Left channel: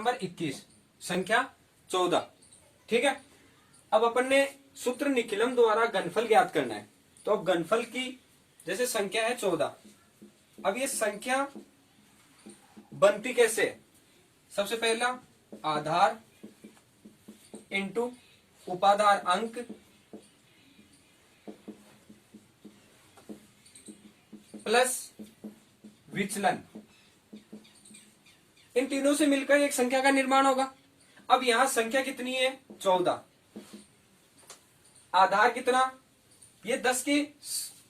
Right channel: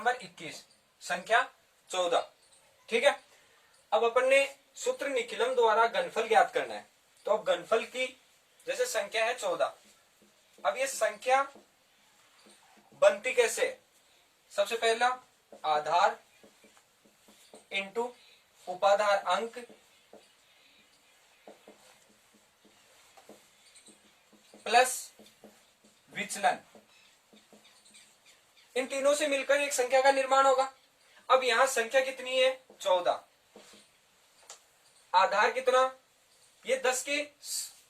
Number 21 संख्या 14। ठीक है, अब अपन ने सूत्र निखिलम द्वारा घनफल ज्ञात करना है। तो अब घनफल की जैसे संख्या है 14, अब ये संख्या बनती कैसे है? सबसे पहला आधार इंटू उपाधार अंक प्लस विचलन, इन तीनों से मिलकर एक संख्या का निर्माण होगा। अब यहां संख्या कितनी है? 14। आधार कितना? ये 10 के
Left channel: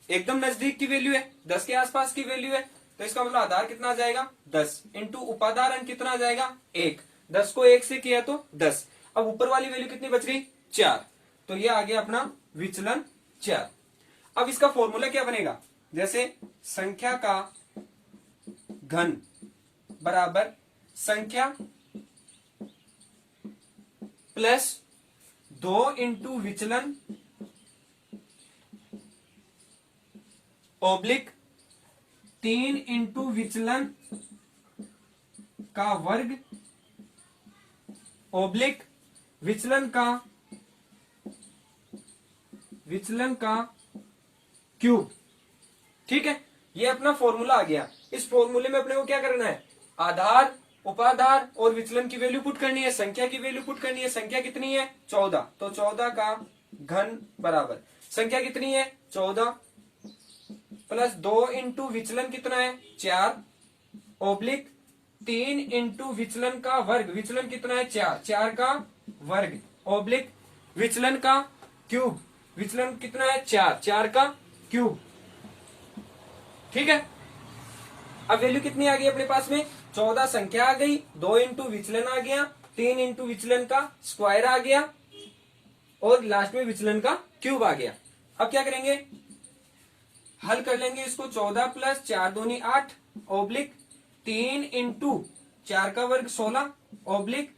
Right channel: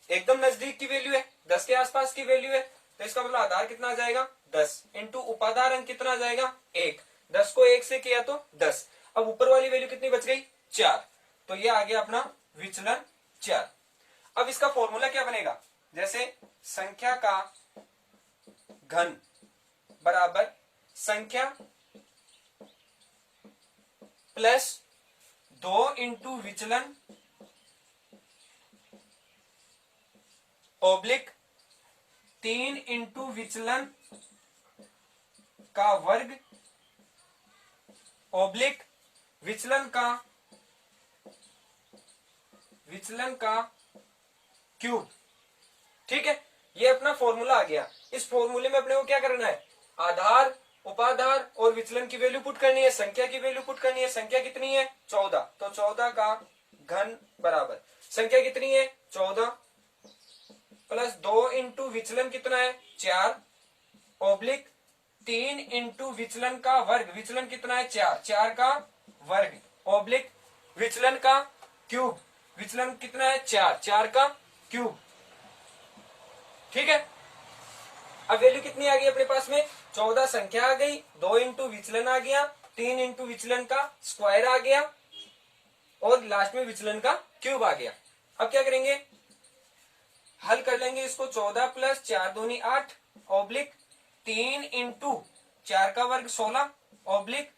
एकदम नजदीक की वैल्यू है, 10 के आसपास की वैल्यू है, तो इसका मतलब आधार कितना आ जाएगा? 10 इंटू उपाधार अंक कितना आ जाएगा? 1। 10 को 1 से किया तो 10। अब ऊपर वाली वैल्यू कितनी बच गई? 4। तो ये आ गया अपना विचलन 4। अब इसका फॉर्मूला क्या बनेगा? जैसे संख्या का घन बराबर संख्या प्लस 2 इंटू विचलन ओब्लिक 3 इंटू विचलन का वर्ग ओब्लिक विचलन का क्यूब। ठीक है, ये अपना फॉर्मूला आ गया। इस फॉर्मूले में अपने को क्या करना है? आधार, उपाधार और विचलन की वैल्यू पुट करनी है, संख्या की वैल्यू पुट करनी है। संख्या कितनी है? 14। तो 14 का घन बराबर संख्या कितनी है? 14 प्लस 2 इंटू विचलन कितना है? 4 ओब्लिक 3 इंटू विचलन का वर्ग, विचलन कितना है? 4, 4 का वर्ग ओब्लिक विचलन का क्यूब, विचलन कितना है? 4, 4 का क्यूब। ठीक है, अब वैल्यू कितनी आ गई अपने पास में? 14 संख्या आ गई, 2 इंटू विचलन आ गया, 3 इंटू विचलन का स्क्वायर आ गया और लास्ट में विचलन का क्यूब आ गया। अब क्या करेंगे? हल कर लेंगे इसको। 14 प्लस 4 दूनी 8 ओब्लिक 3 इंटू 4 का वर्ग 16 ओब्लिक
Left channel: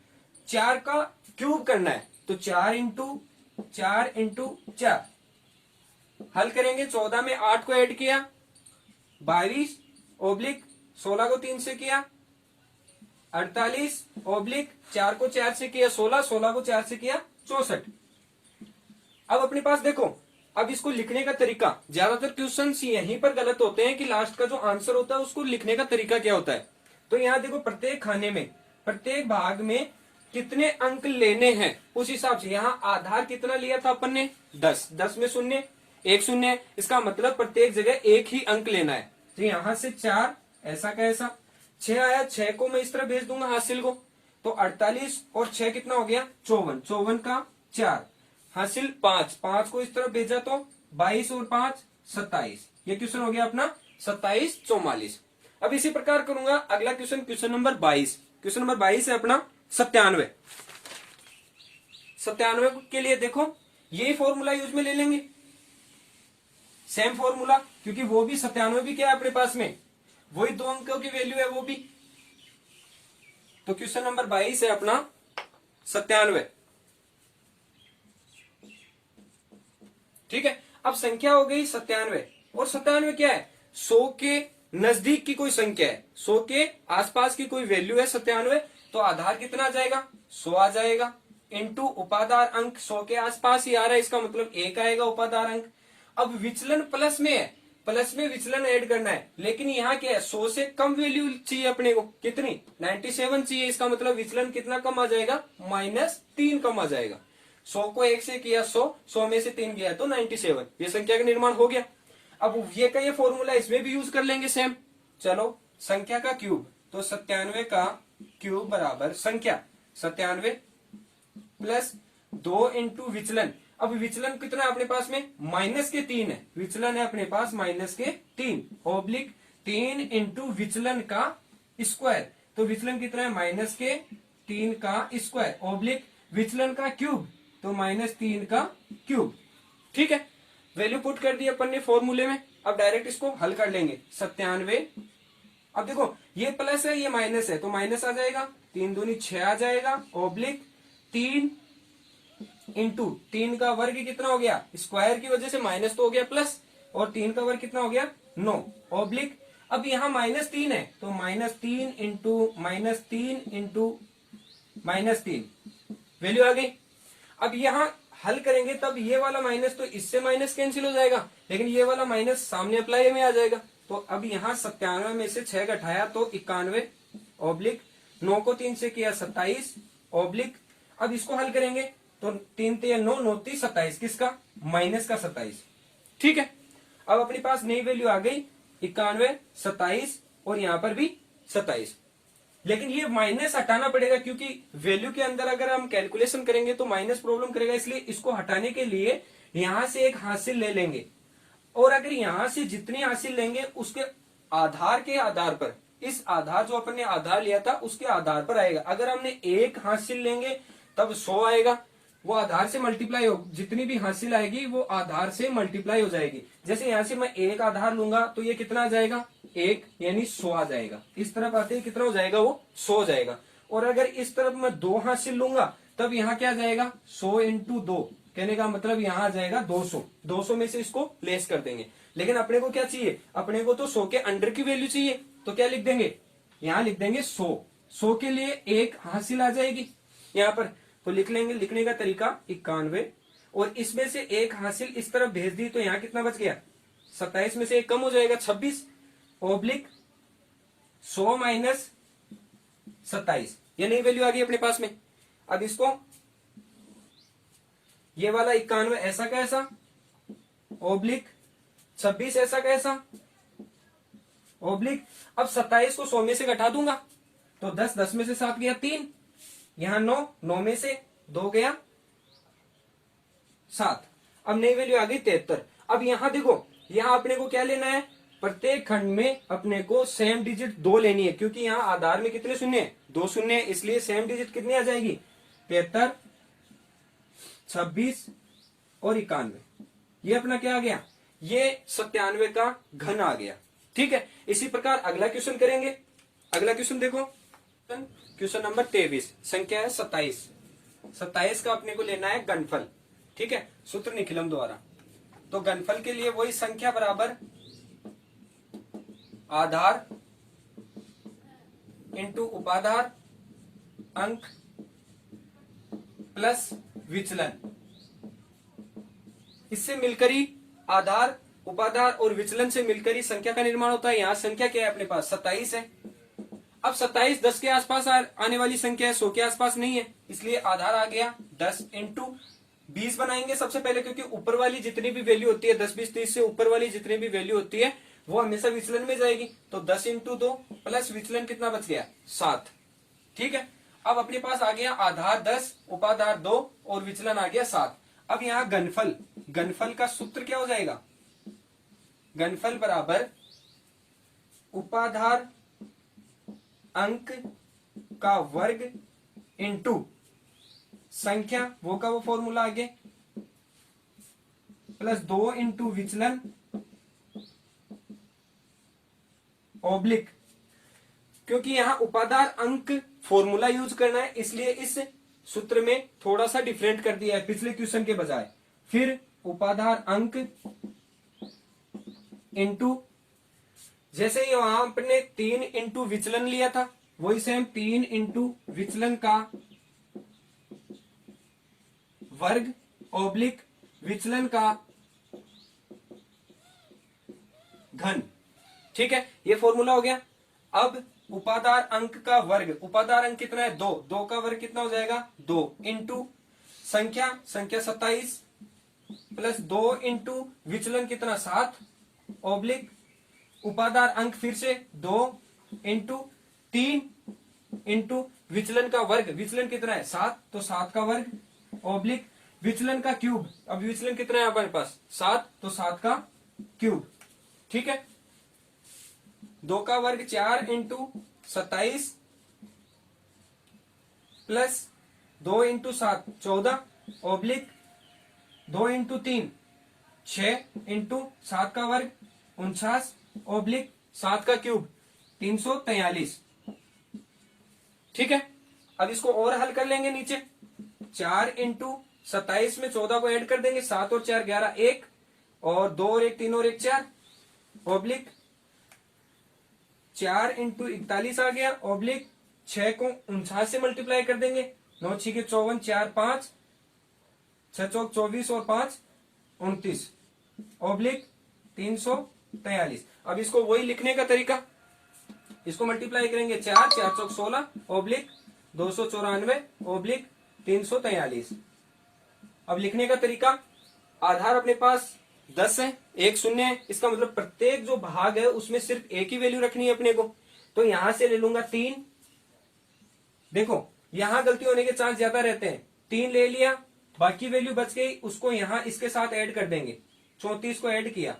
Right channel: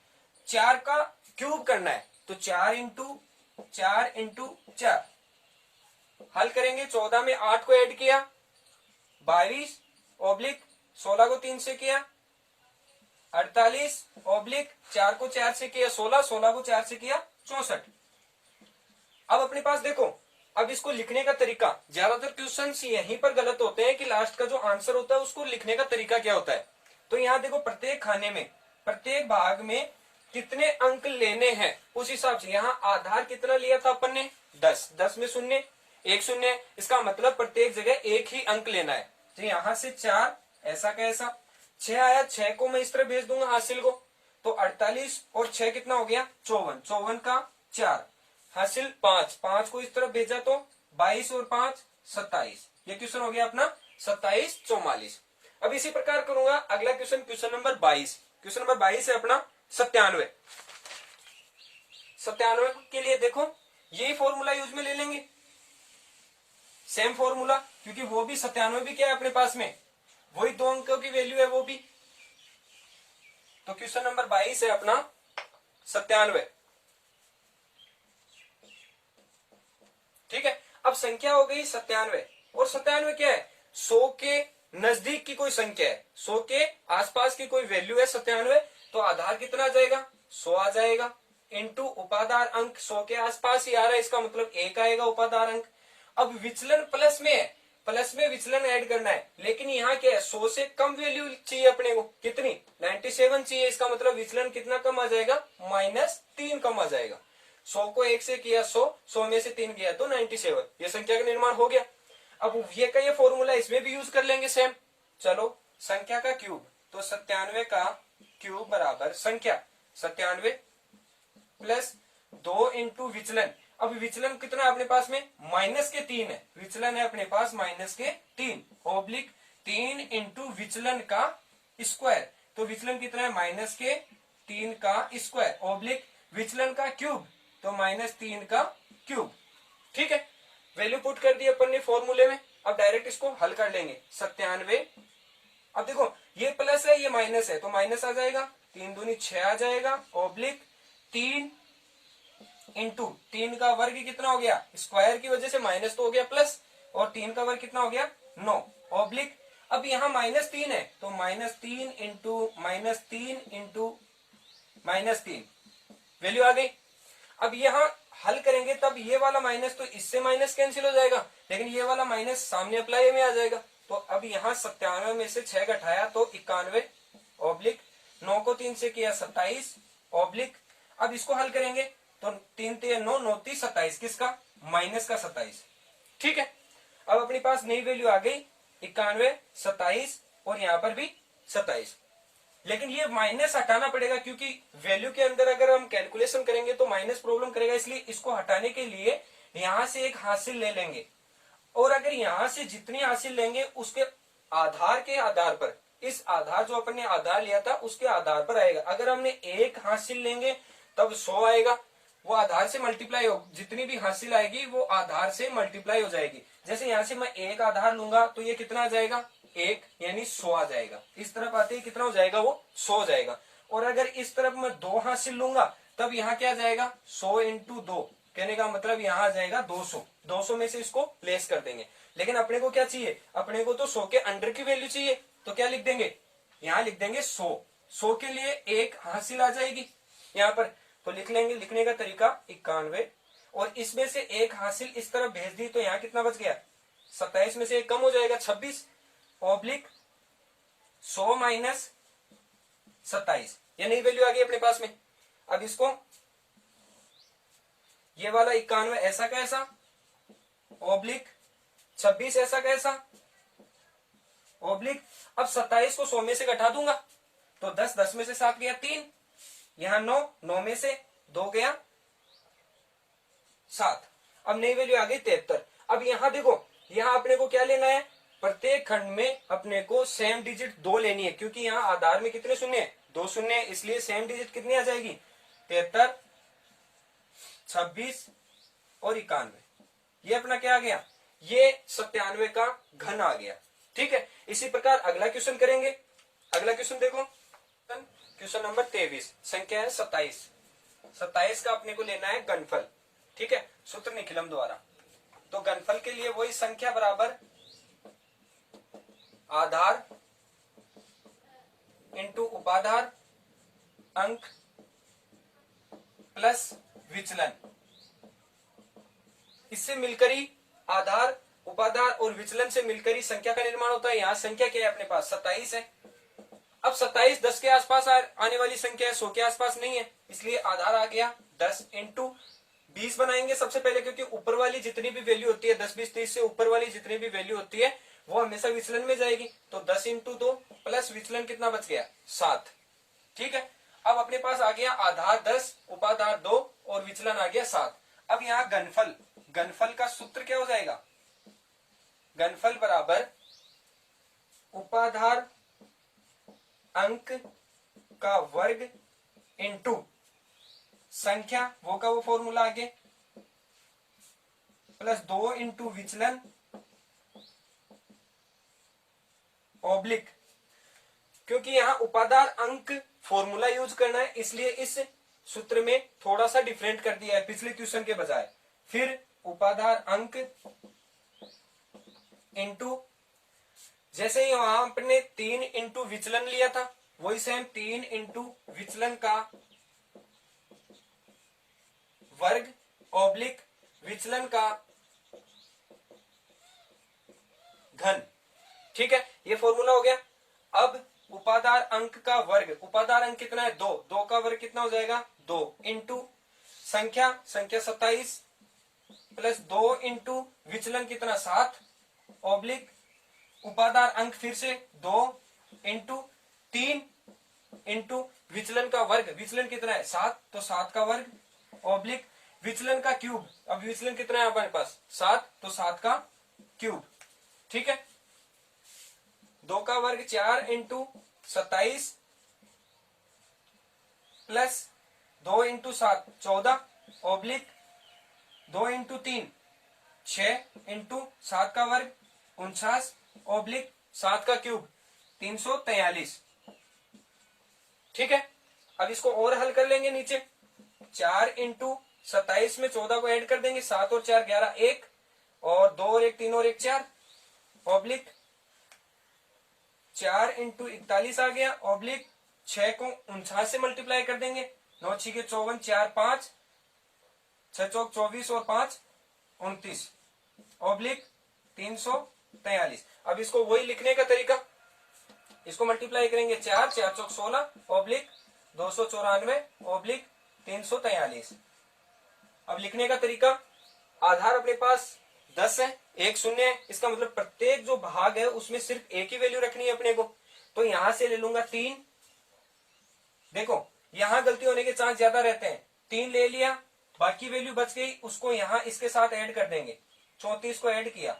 4 का क्यूब करना है, तो 4 इंटू 4 हल करेंगे। 14 में 8 को ऐड किया 22 ओब्लिक 16 को 3 से किया 48 ओब्लिक 4 को 4 से किया 16, 16 को 4 से किया 64। अब अपने पास देखो, अब इसको लिखने का तरीका, ज्यादातर क्वेश्चन यहीं पर गलत होते हैं कि लास्ट का जो आंसर होता है उसको लिखने का तरीका क्या होता है। तो यहाँ देखो, प्रत्येक खाने में, प्रत्येक भाग में कितने अंक लेने हैं उस हिसाब से। यहाँ आधार कितना लिया था अपन ने? 10। 10 में शून्य, एक शून्य, इसका मतलब प्रत्येक जगह एक ही अंक लेना है। तो यहां से 4 ऐसा का ऐसा, 6 आया, 6 को मैं इस तरह भेज दूंगा हासिल को, तो 48 और 6 कितना हो गया? 54, 54 का 4 हासिल 5, 5 को इस तरफ भेजा तो 22 और 5 27। ये क्वेश्चन हो गया अपना 27 44। अब इसी प्रकार करूंगा अगला question, question number 22। Question number 22 है अपना 97। 97 के लिए देखो, यही फॉर्मूला यूज में ले लेंगे, सेम फॉर्मूला, क्योंकि वो भी 97 भी क्या है अपने पास में? वही 2 अंकों की वैल्यू है वो भी। तो क्वेश्चन नंबर 22 है अपना 97। ठीक है, अब संख्या हो गई 97 और 97 क्या है? 100 के नजदीक की कोई संख्या है, 100 के आसपास की कोई वैल्यू है 97। तो आधार कितना आ जाएगा? 100 आ जाएगा इंटू उपाधार अंक 100 के आसपास ही आ रहा है, इसका मतलब 1 आएगा उपाधार अंक। अब विचलन प्लस में है, प्लस में विचलन ऐड करना है, लेकिन यहाँ क्या है? 100 से कम वैल्यू चाहिए अपने को। कितनी? 97 चाहिए, इसका मतलब विचलन कितना कम आ जाएगा? -3 कम आ जाएगा। 100 को 1 से किया 100, 100 में से 3 किया तो 97। ये संख्या का निर्माण हो गया। अब ये का ये फॉर्मूला इसमें भी यूज कर लेंगे सेम। चलो, संख्या का क्यूब, तो 97 का क्यूब बराबर संख्या 97 प्लस 2 इंटू विचलन। अब विचलन कितना है अपने पास में? -3 है, विचलन है अपने पास -3 ओब्लिक 3 इंटू विचलन का स्क्वायर। तो विचलन कितना है? -3 का स्क्वायर ओब्लिक विचलन का क्यूब, तो -3 का क्यूब। ठीक है, वैल्यू पुट कर दी अपन ने फॉर्मूले में। अब डायरेक्ट इसको हल कर लेंगे। 97, अब देखो ये प्लस है ये माइनस है, तो माइनस आ जाएगा, 3 दूनी 6 आ जाएगा ओब्लिक 3 इंटू 3 का वर्ग कितना हो गया? स्क्वायर की वजह से माइनस तो हो गया प्लस, और 3 का वर्ग कितना हो गया? 9 ओब्लिक। अब यहाँ -3 है, तो -3 इंटू -3 वैल्यू आ गई। अब यहां हल करेंगे तब ये वाला माइनस तो इससे माइनस कैंसिल हो जाएगा, लेकिन ये वाला माइनस सामने अप्लाई में आ जाएगा। तो अब यहां 97 में से 6 घटाया तो 91 ऑब्लिक 9 को 3 से किया 27 ऑब्लिक। अब इसको हल करेंगे तो 3 3 9 9 3 27 किसका माइनस का 27। ठीक है, अब अपने पास नई वैल्यू आ गई 91 27 और यहां पर भी 27। लेकिन ये माइनस हटाना पड़ेगा क्योंकि वैल्यू के अंदर अगर हम कैलकुलेशन करेंगे तो माइनस प्रॉब्लम करेगा, इसलिए इसको हटाने के लिए यहां से एक हासिल ले लेंगे और अगर यहां से जितनी हासिल लेंगे उसके आधार के आधार पर, इस आधार जो अपन ने आधार लिया था उसके आधार पर आएगा। अगर हमने एक हासिल लेंगे तब 100 आएगा, वो आधार से मल्टीप्लाई हो, जितनी भी हासिल आएगी वो आधार से मल्टीप्लाई हो जाएगी। जैसे यहां से मैं एक आधार लूंगा तो ये कितना आ जाएगा 1 यानी 100 आ जाएगा। इस तरफ आते ही कितना हो जाएगा वो 100 हो जाएगा। और अगर इस तरफ मैं 2 हासिल लूंगा तब यहाँ क्या जाएगा 100 इंटू 2, कहने का मतलब यहाँ आ जाएगा 200। 200 में से इसको लेस कर देंगे, लेकिन अपने को क्या चाहिए, अपने को तो 100 के अंडर की वैल्यू चाहिए। तो क्या लिख देंगे, यहाँ लिख देंगे 100। 100 के लिए एक हासिल आ जाएगी यहाँ पर, तो लिख लेंगे। लिखने का तरीका 91 और इसमें से एक हासिल इस तरफ भेज दी तो यहाँ कितना बच गया 27 में से एक कम हो जाएगा 26 ऑब्लिक 100 माइनस 27, ये नई वैल्यू आ गई अपने पास में। अब इसको ये वाला 91 ऐसा कैसा ऑब्लिक 26 ऐसा कैसा ऑब्लिक। अब 27 को 100 में से घटा दूंगा तो 10 10 में से 7 गया 3, यहां 9 9 में से 2 गया 7। अब नई वैल्यू आ गई 73। अब यहां देखो, यहां अपने को क्या लेना है, प्रत्येक खंड में अपने को सेम डिजिट 2 लेनी है क्योंकि यहां आधार में कितने शून्य है 2 शून्य है, इसलिए सेम डिजिट कितनी आ जाएगी 73 26 और 91। ये अपना क्या आ गया, ये 97 का घन आ गया। ठीक है, इसी प्रकार अगला क्वेश्चन करेंगे। अगला क्वेश्चन देखो, क्वेश्चन नंबर 23, संख्या है 27। 27 का अपने को लेना है घनफल। ठीक है, सूत्र निखिलम द्वारा। तो घनफल के लिए वही संख्या बराबर आधार इंटू उपाधार अंक प्लस विचलन। इससे मिलकर ही आधार उपाधार और विचलन से मिलकर ही संख्या का निर्माण होता है। यहां संख्या क्या है अपने पास 27 है। अब 27 10 के आसपास आने वाली संख्या है, 100 के आसपास नहीं है, इसलिए आधार आ गया 10 इंटू 20 बनाएंगे सबसे पहले, क्योंकि ऊपर वाली जितनी भी वैल्यू होती है 10 20 30 से ऊपर वाली जितनी भी वैल्यू होती है वो हमेशा विचलन में जाएगी। तो 10 इंटू 2 प्लस विचलन कितना बच गया 7। ठीक है, अब अपने पास आ गया आधार 10 उपाधार 2 और विचलन आ गया 7। अब यहाँ घनफल, घनफल का सूत्र क्या हो जाएगा, घनफल बराबर उपाधार अंक का वर्ग इंटू संख्या वो का वो फॉर्मूला आगे प्लस 2 इंटू विचलन ऑब्लिक। क्योंकि यहां उपाधार अंक फॉर्मूला यूज करना है इसलिए इस सूत्र में थोड़ा सा डिफरेंट कर दिया है पिछले क्वेश्चन के बजाय। फिर उपाधार अंक इंटू, जैसे ही वहां आपने 3 इंटू विचलन लिया था वही सेम 3 इंटू विचलन का वर्ग ऑब्लिक विचलन का घन। ठीक है, ये फॉर्मूला हो गया। अब उपाधार अंक का वर्ग, उपाधार अंक कितना है 2, 2 का वर्ग कितना हो जाएगा 2 इंटू संख्या 27 प्लस 2 इंटू विचलन कितना 7 ऑब्लिक उपाधार अंक फिर से 2 इंटू 3 इंटू विचलन का वर्ग, विचलन कितना है 7 तो 7 का वर्ग ऑब्लिक विचलन का क्यूब। अब विचलन कितना है हमारे पास 7 तो 7 का क्यूब। ठीक है, 2 का वर्ग 4 into 27 plus 2 into 7 14 oblique 2 into 3 6 into 7 का वर्ग 49 ऑब्लिक 7 का क्यूब 343। ठीक है, अब इसको और हल कर लेंगे नीचे। 4 इंटू 27 में 14 को ऐड कर देंगे, 7 और 4 11 1 और 2 और 1 3 और 1 4 ऑब्लिक 4 इंटू 41 आ गया ऑब्लिक 6 को 49 से मल्टीप्लाई कर देंगे, 9 6 के 54, 4 5, 6 चौक 24 और 5 29 ऑब्लिक 343। अब इसको वही लिखने का तरीका, इसको मल्टीप्लाई करेंगे 4 4 चौक 16 ऑब्लिक 294 ऑब्लिक 343। अब लिखने का तरीका, आधार अपने पास 10 है, एक शून्य है, इसका मतलब प्रत्येक जो भाग है उसमें सिर्फ एक ही वैल्यू रखनी है अपने को। तो यहां से ले लूंगा 3, देखो यहां गलती होने के चांस ज्यादा रहते हैं, 3 ले लिया, बाकी वैल्यू बच गई, उसको यहां इसके साथ ऐड कर देंगे, 34 को ऐड किया,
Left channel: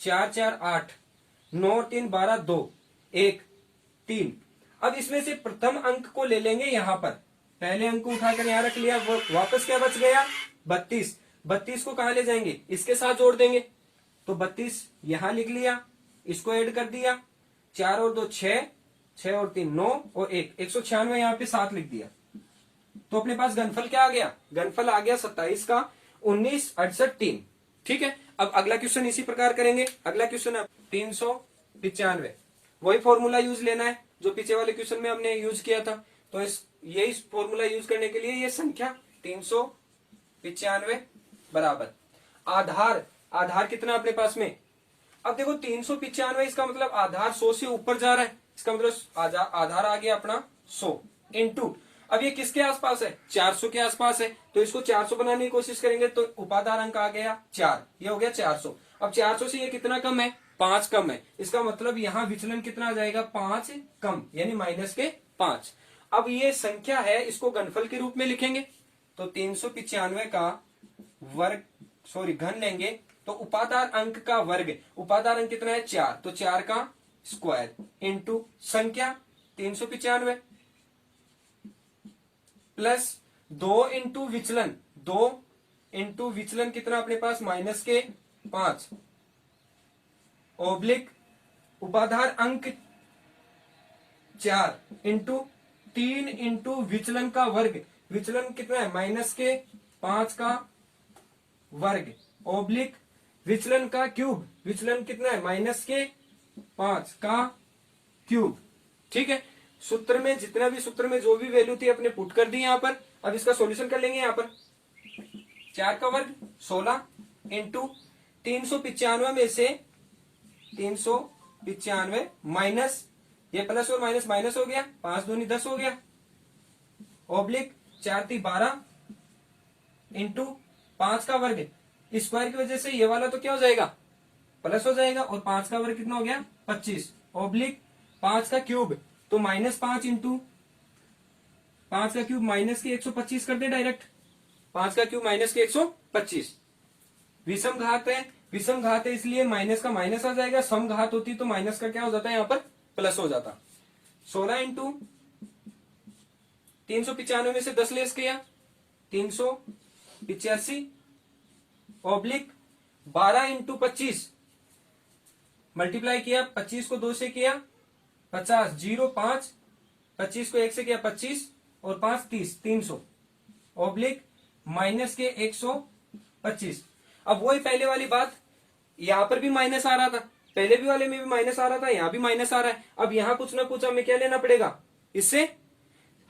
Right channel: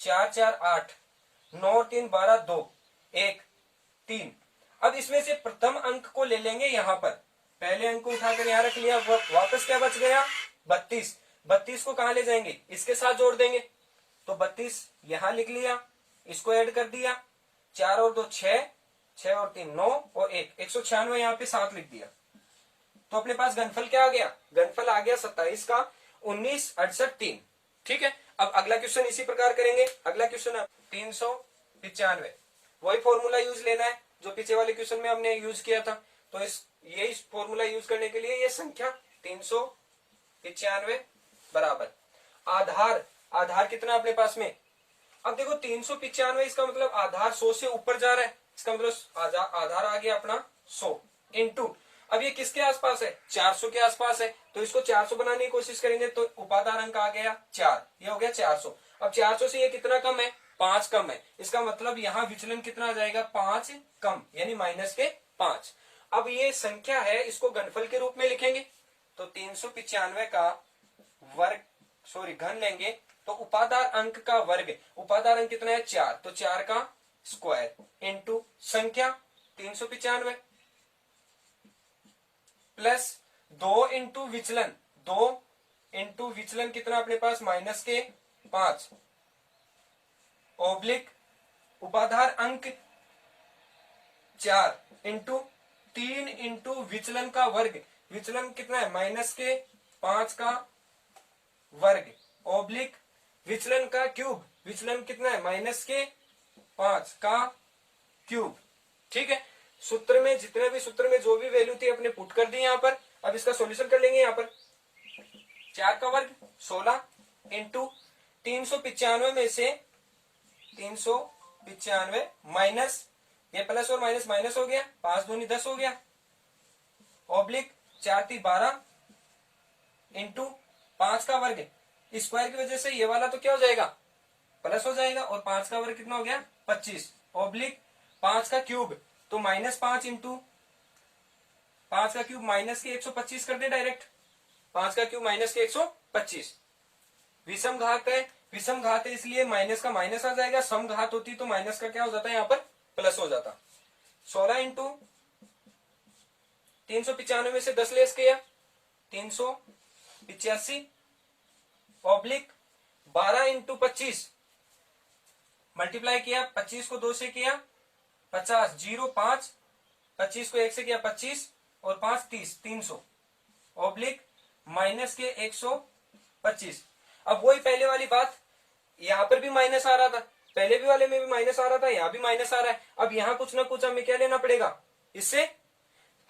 4 4 8, 9 3 12 2 1 3। अब इसमें से प्रथम अंक को ले लेंगे यहां पर, पहले अंक को उठाकर यहां रख लिया, वापस क्या बच गया 32, 32 को कहां ले जाएंगे, इसके साथ जोड़ देंगे, तो 32 यहां लिख लिया, इसको ऐड कर दिया, 4 और 2 6, 6 और 3 9 और 1 196 यहां पे 7 लिख दिया। तो अपने पास घनफल क्या आ गया, घनफल आ गया 27 का 19 68 3। ठीक है, अब अगला क्वेश्चन इसी प्रकार करेंगे। अगला क्वेश्चन है 395, वही फॉर्मूला यूज लेना है जो पीछे वाले क्वेश्चन में हमने यूज किया था। तो यही फॉर्मूला यूज करने के लिए ये संख्या 395 बराबर आधार, आधार कितना अपने पास में, अब देखो 395 इसका मतलब आधार 100 से ऊपर जा रहा है, इसका मतलब आधार आ गया अपना 100 इंटू, अब ये किसके आसपास है 400 के आसपास है, तो इसको 400 बनाने की कोशिश करेंगे तो उपाधार अंक आ गया 4, ये हो गया 400। अब 400 से ये कितना कम है 5 कम है, इसका मतलब यहाँ विचलन कितना आ जाएगा 5 कम, यानी माइनस के 5। अब ये संख्या है, इसको घनफल के रूप में लिखेंगे, तो 395 का वर्ग घन लेंगे, तो उपाधार अंक का वर्ग, उपाधार अंक कितना है 4, तो 4 का स्क्वायर इंटू संख्या 395 प्लस 2 इंटू विचलन, 2 इंटू विचलन कितना अपने पास माइनस के 5 ओब्लिक उपाधार अंक 4 इंटू 3 इंटू विचलन का वर्ग, विचलन कितना है माइनस के 5 का वर्ग ओब्लिक विचलन का क्यूब, विचलन कितना है माइनस के 5 का क्यूब। ठीक है, सूत्र में जितना भी सूत्र में जो भी वैल्यू थी अपने पुट कर दी यहां पर। अब इसका सॉल्यूशन कर लेंगे, यहां पर 4 का वर्ग 16 इंटू 395 में से 395 माइनस, ये प्लस और माइनस माइनस हो गया, 5 दूनी 10 हो गया, ऑब्लिक 4 3 12 इंटू 5 का वर्ग, स्क्वायर की वजह से ये वाला तो क्या हो जाएगा प्लस हो जाएगा, और 5 का वर्ग कितना हो गया 25 ऑब्लिक 5 का क्यूब, तो माइनस 5 इंटू 5 का क्यूब माइनस के 125 कर दे डायरेक्ट, 5 का क्यूब माइनस के 125। विषम घात है, विषम घात है इसलिए माइनस का माइनस आ जाएगा, सम घात होती तो माइनस का क्या हो जाता है यहाँ पर प्लस हो जाता। 16 इंटू 395 में से 10 लेस किया 385 ऑब्लिक 12 इंटू 25 मल्टीप्लाई किया, 25 को 2 से किया 50, 0 5, 25 को 1 से किया 25 और 5 30, 300 ऑब्लिक माइनस के 125। अब वही पहले वाली बात, यहां पर भी माइनस आ रहा था, पहले भी वाले में भी माइनस आ रहा था, यहां भी माइनस आ रहा है। अब यहां कुछ ना कुछ हमें क्या लेना पड़ेगा, इससे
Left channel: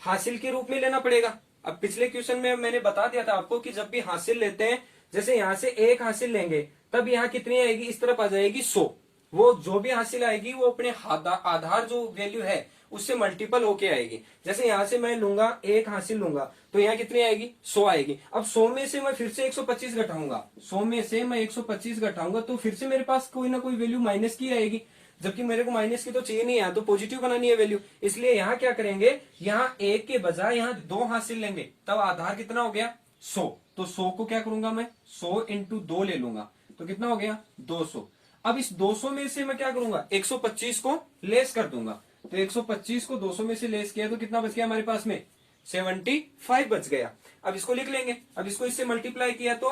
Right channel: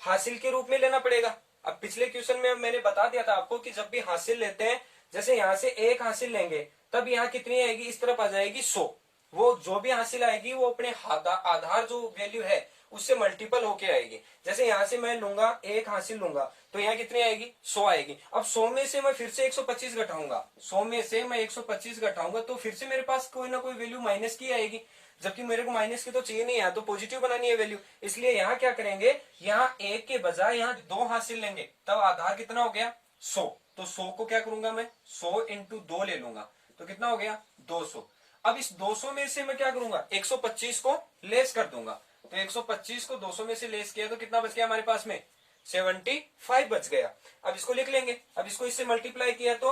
हासिल के रूप में लेना पड़ेगा। अब पिछले क्वेश्चन में मैंने बता दिया था आपको कि जब भी हासिल लेते हैं, जैसे यहां से एक हासिल लेंगे तब यहाँ कितनी आएगी, इस तरफ आ जाएगी 100, वो जो भी हासिल आएगी वो अपने आधार जो वैल्यू है उससे मल्टीपल होके आएगी। जैसे यहां से मैं लूंगा एक हासिल लूंगा तो यहाँ कितनी आएगी 100 आएगी। अब 100 में से मैं फिर से 125 घटाऊंगा, 100 में से मैं 125 घटाऊंगा तो फिर से मेरे पास कोई ना कोई वैल्यू माइनस की आएगी, जबकि मेरे को माइनस की तो चाहिए नहीं, यहाँ तो पॉजिटिव बनानी है वैल्यू। इसलिए यहाँ क्या करेंगे, यहाँ एक के बजाय यहाँ 2 हासिल लेंगे, तब आधार कितना हो गया 100। तो 100 को क्या करूंगा मैं 100 इंटू 2 ले लूंगा, तो कितना हो गया 200। अब इस 200 में से मैं क्या करूंगा 125 को लेस कर दूंगा, तो 125 को 200 में से लेस किया तो कितना बच गया हमारे पास में 75 बच गया। अब इसको लिख लेंगे, अब इसको इससे मल्टीप्लाई किया तो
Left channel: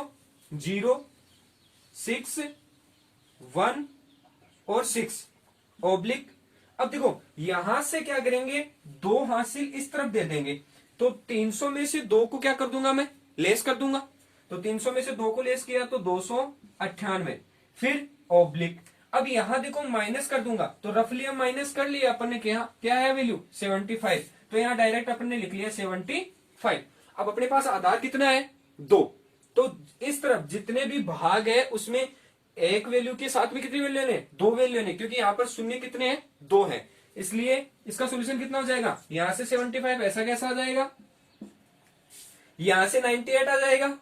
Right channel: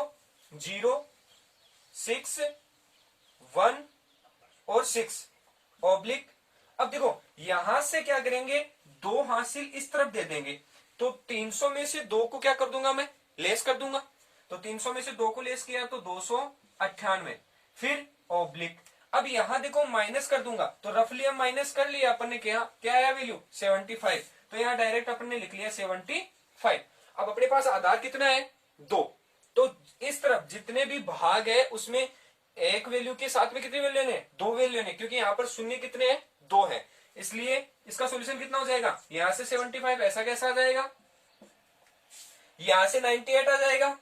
0 6 1 और 6 ऑब्लिक, अब देखो यहां से क्या करेंगे 2 हासिल इस तरफ दे देंगे, तो 300 में से 2 को क्या कर दूंगा मैं लेस कर दूंगा, तो 300 में से 2 को लेस किया तो 298, फिर ऑब्लिक। अब यहां देखो माइनस कर दूंगा, तो रफली हम माइनस कर लिया अपन ने, क्या आया वैल्यू 75, तो यहाँ डायरेक्ट अपन ने लिख लिया 75। अब अपने पास आधार कितना है 2, तो इस तरफ जितने भी भाग है उसमें एक वैल्यू के साथ में कितनी वैल्यू लेने 2 वैल्यू लेने, क्योंकि यहाँ पर शून्य कितने हैं 2 है, इसलिए इसका सोल्यूशन कितना हो जाएगा, यहां से 75 ऐसा कैसा आ जाएगा, यहां से 98 आ जाएगा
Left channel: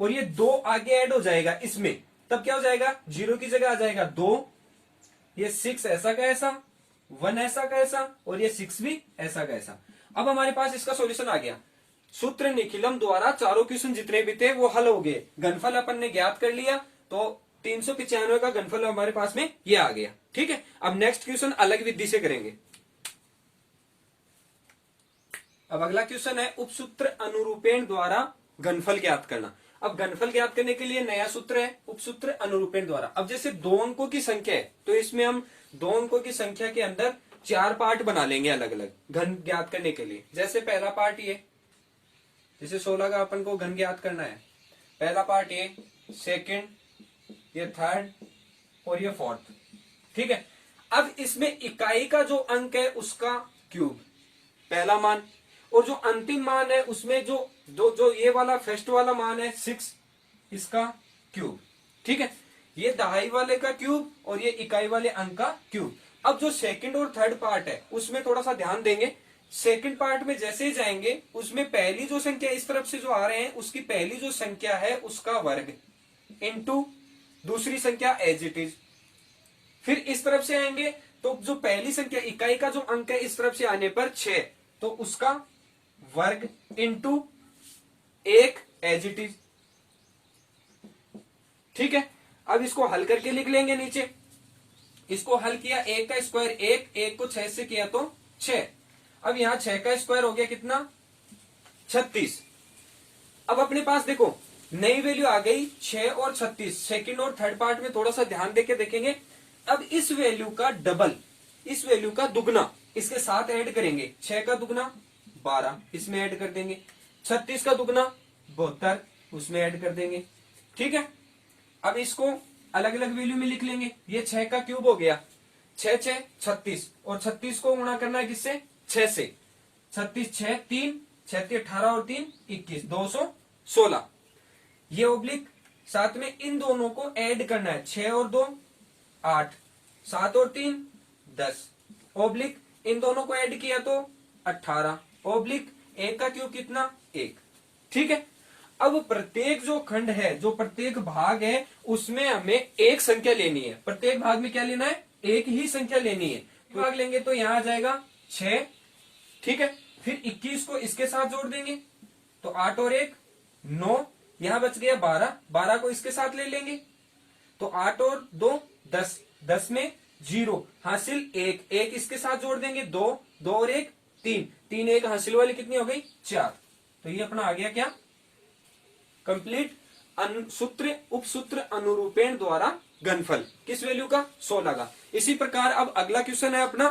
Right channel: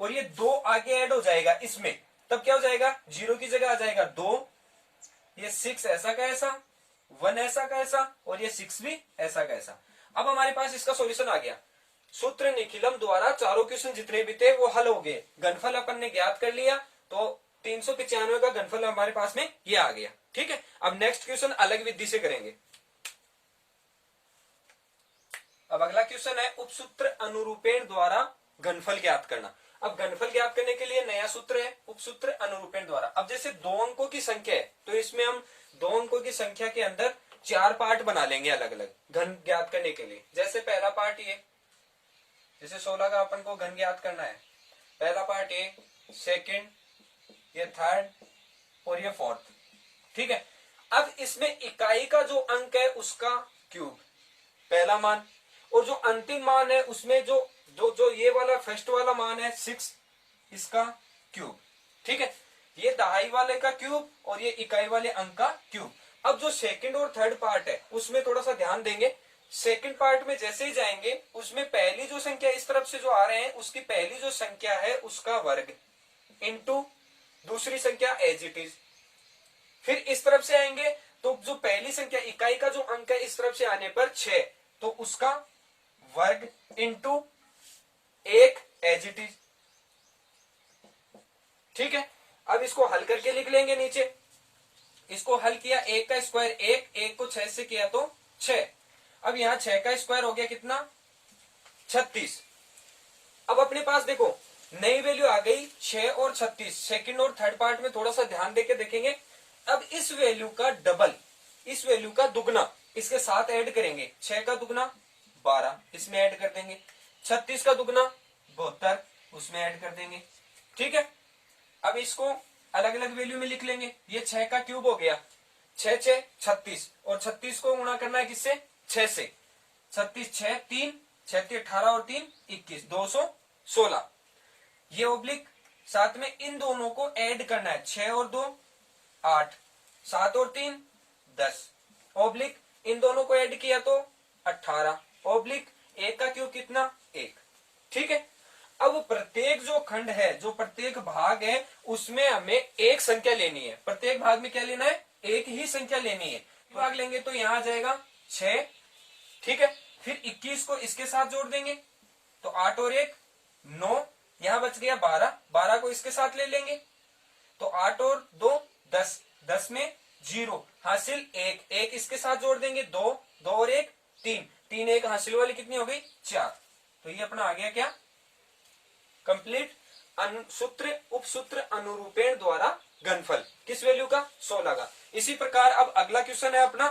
और ये 2 आगे ऐड हो जाएगा इसमें, तब क्या हो जाएगा 0 की जगह आ जाएगा 2, ये 6 ऐसा का ऐसा, 1 ऐसा का ऐसा और ये 6 भी ऐसा का ऐसा। अब हमारे पास इसका सॉल्यूशन आ गया। सूत्र निखिलम द्वारा चारों क्वेश्चन जितने भी थे वो हल हो गए, घनफल अपन ने ज्ञात कर लिया, तो 395 का घनफल हमारे पास में ये आ गया। ठीक है, अब नेक्स्ट क्वेश्चन अलग विधि से करेंगे। अब अगला क्वेश्चन है उपसूत्र अनुरूपेण द्वारा घनफल ज्ञात करना। अब घनफल ज्ञात करने के लिए नया सूत्र है उपसूत्र अनुरूपेण द्वारा। अब जैसे 2 अंकों की संख्या है तो इसमें हम 2 अंकों की संख्या के अंदर 4 पार्ट बना लेंगे अलग अलग घन ज्ञात करने के लिए। जैसे पहला पार्ट ये, जैसे 16 का अपन को घन ज्ञात करना है, पहला पार्ट ये, सेकंड, ये थर्ड और ये फोर्थ। ठीक है, अब इसमें इकाई का जो अंक है उसका क्यूब पहला मान, और जो अंतिम मान है उसमें जो जो जो ये वाला फर्स्ट वाला मान है 6, इसका क्यूब। ठीक है, ये दहाई वाले का क्यूब और ये इकाई वाले अंक का क्यूब। अब जो सेकंड और थर्ड पार्ट है उसमें थोड़ा सा ध्यान देंगे। सेकंड पार्ट में जैसे ही जाएंगे उसमें पहली जो संख्या इस तरफ से जो आ रहे हैं उसकी पहली जो संख्या है उसका वर्ग इनटू दूसरी संख्या एज इट इज। फिर इस तरफ से आएंगे तो जो पहली संख्या इकाई का जो अंक है इस तरफ से आने पर 6, तो उसका वर्ग इनटू 1 एज इट इज। ठीक है, अब इसको हल करके लिख लेंगे नीचे। इसको हल किया 1 का स्क्वायर 1 को 6 से किया तो 6। अब यहां 6 का स्क्वायर हो गया कितना 36। अब अपने पास देखो नई वैल्यू आ गई 6 और 36। सेकंड और थर्ड पार्ट में थोड़ा सा ध्यान देके देखेंगे। अब इस वैल्यू का डबल, इस वैल्यू का दुगना इसके साथ ऐड करेंगे। 6 का दुगना 12 इसमें ऐड कर देंगे, 36 का दुगना 72 उसमें ऐड कर देंगे। ठीक है, अब इसको अलग अलग वैल्यू में लिख लेंगे। ये 6 का क्यूब हो गया 6 6 36 और 36 को गुणा करना है किससे 6 से। 36 6 3 6 18 और 3 21 216। ये ओब्लिक साथ में इन दोनों को ऐड करना है 6 और 2 8 7 और 3 10 ओब्लिक इन दोनों को ऐड किया तो 18 ओब्लिक 1 का क्यूब कितना 1। ठीक है, अब प्रत्येक जो खंड है जो प्रत्येक भाग है उसमें हमें एक संख्या लेनी है। प्रत्येक भाग में क्या लेना है एक ही संख्या लेनी है। भाग लेंगे तो यहां आ जाएगा 6। ठीक है, फिर 21 को इसके साथ जोड़ देंगे तो 8 और 1 9, यहां बच गया 12, 12 को इसके साथ ले लेंगे तो 8 और 2 10, 10 में 0 हासिल 1, 1 इसके साथ जोड़ देंगे 2, 2 और 1 3, 3 1 हासिल वाली कितनी हो गई 4। तो ये अपना आ गया क्या कंप्लीट सूत्र उपसूत्र अनुरूपेण द्वारा घनफल किस वैल्यू का 16 का। इसी प्रकार अब अगला क्वेश्चन है अपना,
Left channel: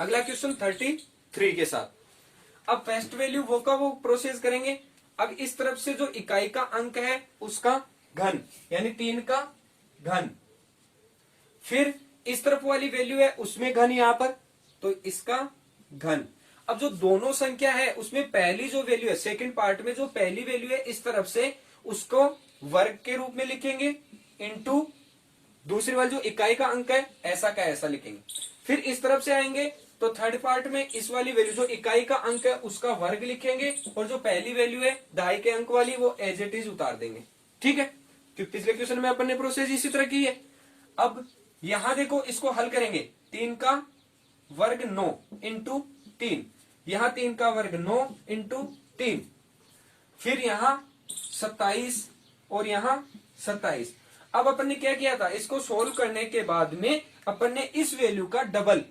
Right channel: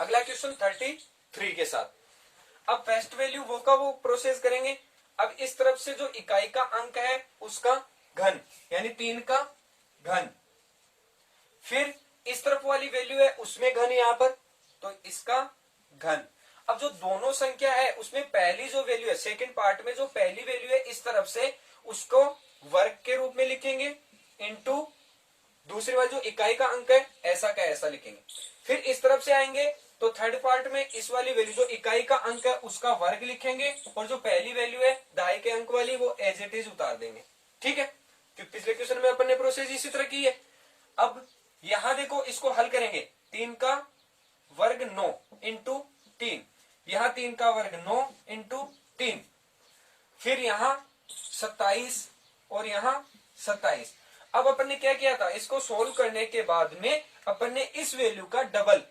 अगला क्वेश्चन 33 के साथ। अब फर्स्ट वैल्यू वो का वो प्रोसेस करेंगे। अब इस तरफ से जो इकाई का अंक है उसका घन यानी 3 का घन, फिर इस तरफ वाली वैल्यू है उसमें घन यहां पर तो इसका घन। अब जो दोनों संख्या है उसमें पहली जो वैल्यू है सेकंड पार्ट में जो पहली वैल्यू है इस तरफ से उसको वर्ग के रूप में लिखेंगे इनटू दूसरी वाली जो इकाई का अंक है ऐसा का ऐसा लिखेंगे। फिर इस तरफ से आएंगे तो थर्ड पार्ट में इस वाली वैल्यू जो इकाई का अंक है उसका वर्ग लिखेंगे और जो पहली वैल्यू है दहाई के अंक वाली वो एज इट इज उतार देंगे। ठीक है, तो पिछले क्वेश्चन में अपन ने प्रोसेस इसी तरह की है। अब यहां देखो इसको हल करेंगे 3 का वर्ग 9 इंटू 3, यहां 3 का वर्ग 9 इंटू 3, फिर यहां 27 और यहां 27। अब अपन ने क्या किया था इसको सोल्व करने के बाद में अपन ने इस वैल्यू का डबल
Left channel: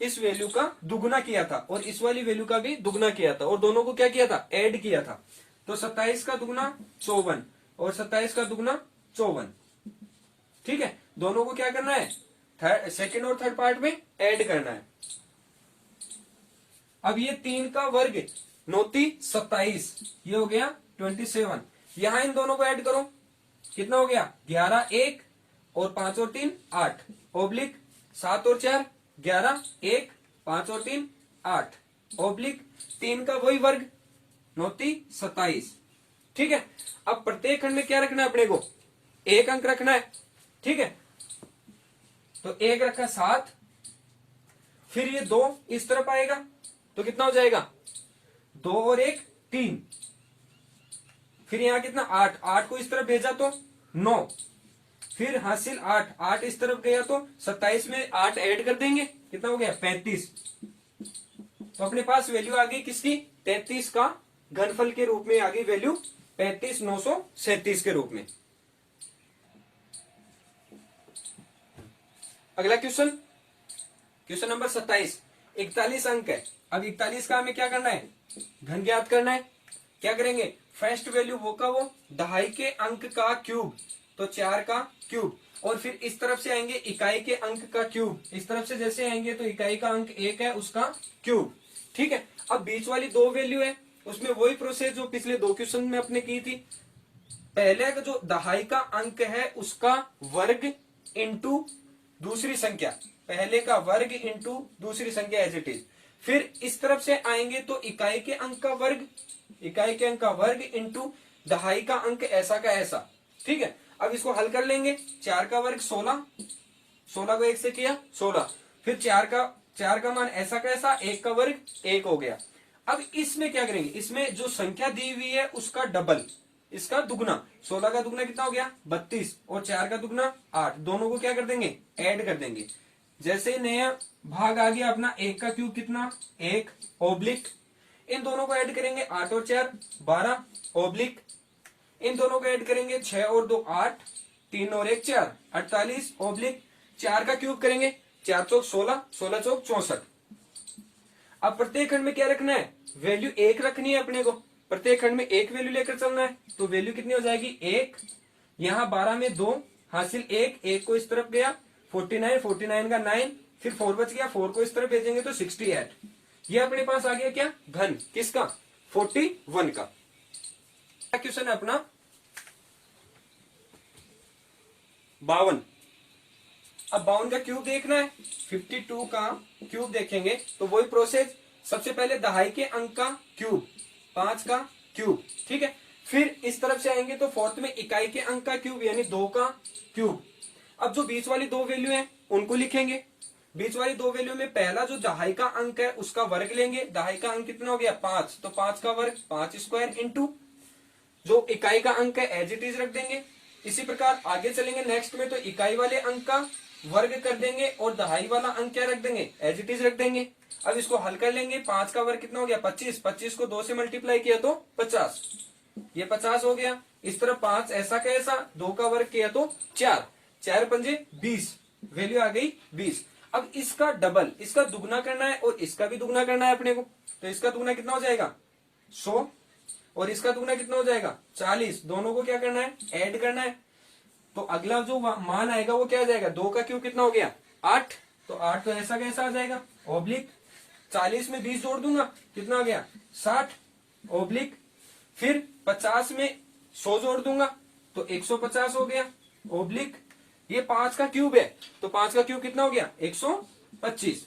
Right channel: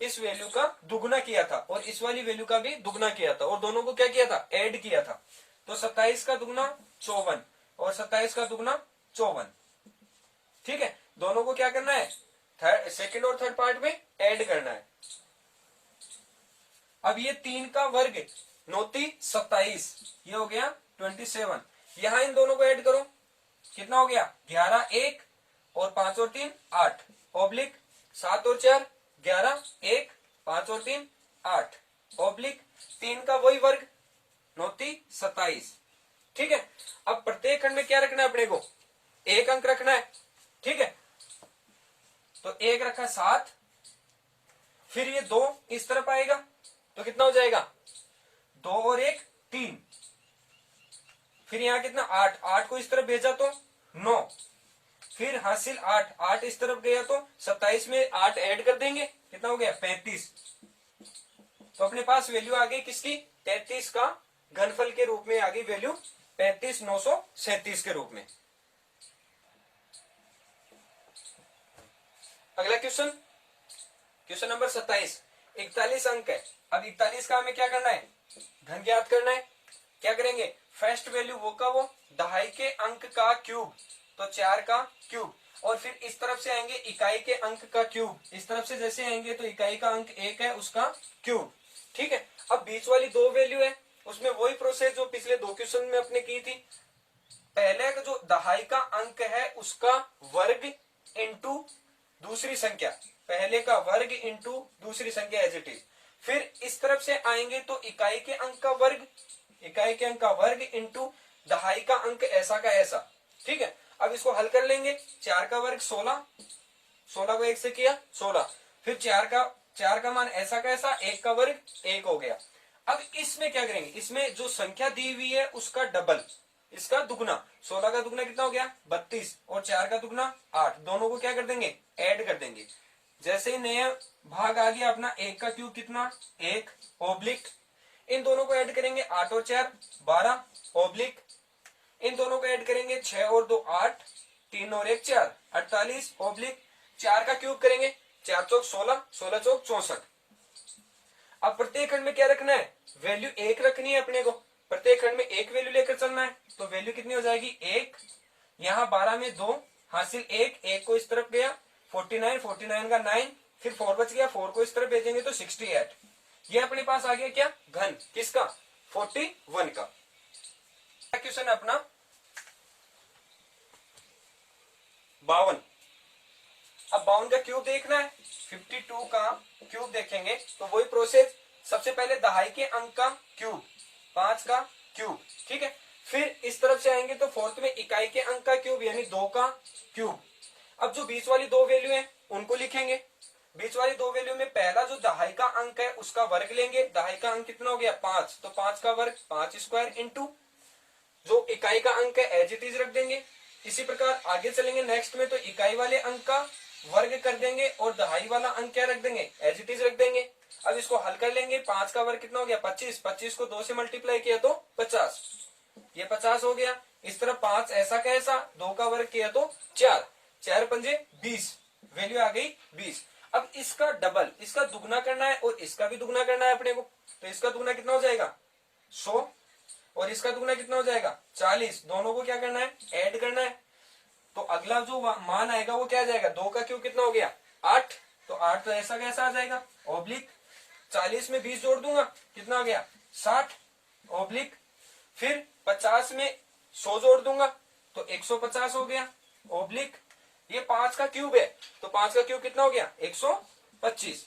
इस वैल्यू का दुगना किया था और इस वाली वैल्यू का भी दुगना किया था और दोनों को क्या किया था ऐड किया था। तो 27 का दुगना 54 और 27 का दुगना 54। ठीक है, दोनों को क्या करना है सेकंड और थर्ड पार्ट में ऐड करना है। अब ये 3 का वर्ग 9 27, ये हो गया 27। यहां इन दोनों को ऐड करो कितना हो गया 11 1 और 5 और 3 8 ओब्लिक 7 और 4 11 1 5 और 3 8 ऑब्लिक 3 का वही वर्ग 9 3 27। ठीक है, अब प्रत्येक खंड में क्या रखना है अपने को, एक अंक रखना है। ठीक है, तो एक रखा 7, फिर ये 2 इस तरफ आएगा तो कितना हो जाएगा, 2 और 1 3, फिर यहां कितना 8, 8 को इस तरफ भेजा तो 9, फिर हासिल 8, 8 इस तरफ गया तो 27 में 8 ऐड कर देंगे, कितना हो गया 35। तो अपने पास वैल्यू आ गई किसकी, 33 का घनफल के रूप में आ गई वैल्यू 35,937 के रूप में। अगला क्वेश्चन, क्वेश्चन नंबर 27। 41 अंक है। अब 41 का हमें क्या करना है, घन ज्ञात करना है। क्या करेंगे, फर्स्ट वैल्यू वो का वो, दहाई के अंक का क्यूब तो 4 का क्यूब, और फिर इस तरफ से आएंगे इकाई के अंक का क्यूब, इस तरफ से जैसे आएंगे तो इकाई का अंक 1 है उसका क्यूब। ठीक है, अब बीच वाली 2 वैल्यू है उसमें वही प्रोसेस जो पिछले 2 क्वेश्चन में अपने की थी। पहले का जो दहाई का अंक है उसका वर्ग इंटू दूसरी संख्या, पहले का वर्ग इंटू दूसरी संख्या एज इट इज। फिर इस तरफ से आएंगे तो इकाई के अंक का वर्ग, इकाई के अंक का वर्ग इंटू दहाई का अंक ऐसा का ऐसा। ठीक है, अब इसको हल कर लेंगे। 4 का वर्ग 16, 16 को 1 से किया 16, फिर 4 का मान ऐसा का ऐसा, 1 का वर्ग 1 हो गया। अब इसमें क्या करेंगे, इसमें जो संख्या दी हुई है उसका डबल, इसका दुगना, 16 का दुगना कितना हो गया 32 और 4 का दुगना 8, दोनों को क्या कर देंगे ऐड कर देंगे। जैसे ही नया भाग आ गया अपना 1 का क्यूब कितना 1 ऑब्लिक, इन दोनों को ऐड करेंगे 8 और 4 12 ऑब्लिक, इन दोनों को ऐड करेंगे 6 और 2 8, 3 और 1 4 48 ऑब्लिक, 4 का क्यूब करेंगे 4 चौक 16, 16 चौक 64। अब प्रत्येक खंड में क्या रखना है, वैल्यू 1 रखनी है अपने को, प्रत्येक खंड में एक वैल्यू लेकर चलना है। तो वैल्यू कितनी हो जाएगी 1, यहाँ 12 में 2 हासिल 1, 1 को इस तरफ गया 49, 49 का 9, फिर 4 बच गया, 4 को इस तरफ भेजेंगे तो 68। ये अपने पास आ गया क्या घन किसका 41 का। क्वेश्चन है अपना 52। अब 52 का क्यूब देखना है, 52 का क्यूब देखेंगे तो वही प्रोसेस, सबसे पहले दहाई के अंक का क्यूब 5 का क्यूब। ठीक है, फिर इस तरफ से आएंगे तो फोर्थ में इकाई के अंक का क्यूब यानी 2 का क्यूब। अब जो बीच वाली 2 वैल्यू है उनको लिखेंगे। बीच वाली 2 वैल्यू में पहला जो दहाई का अंक है उसका वर्ग लेंगे, दहाई का अंक कितना हो गया 5, तो 5 का वर्ग 5 स्क्वायर इंटू जो इकाई का अंक है एज इट इज रख देंगे। इसी प्रकार आगे चलेंगे नेक्स्ट में तो इकाई वाले अंक का वर्ग कर देंगे और दहाई वाला अंक क्या रख देंगे एज इट इज रख देंगे। अब इसको हल कर लेंगे, 5 का वर्ग कितना हो गया 25, 25 को 2 से मल्टीप्लाई किया तो 50, ये 50 हो गया। इस तरह 5 ऐसा का ऐसा, 2 का वर्ग किया तो 4, 4 पंजे 20, वैल्यू आ गई 20। अब इसका डबल, इसका दुगना करना है और इसका भी दुगना करना है अपने को, तो इसका दुगना कितना हो जाएगा 100 और इसका दुगना कितना हो जाएगा 40, दोनों को क्या करना है ऐड करना है। तो अगला जो मान आएगा वो क्या आ जाएगा, 2 का क्यूब कितना हो गया 8, तो 8 तो ऐसा कैसा आ जाएगा ऑब्लिक, 40 में 20 जोड़ दूंगा कितना आ गया 60 ऑब्लिक, फिर 50 में 100 जोड़ दूंगा तो 150 हो गया ऑब्लिक, ये 5 का क्यूब है तो 5 का क्यूब कितना हो गया 125।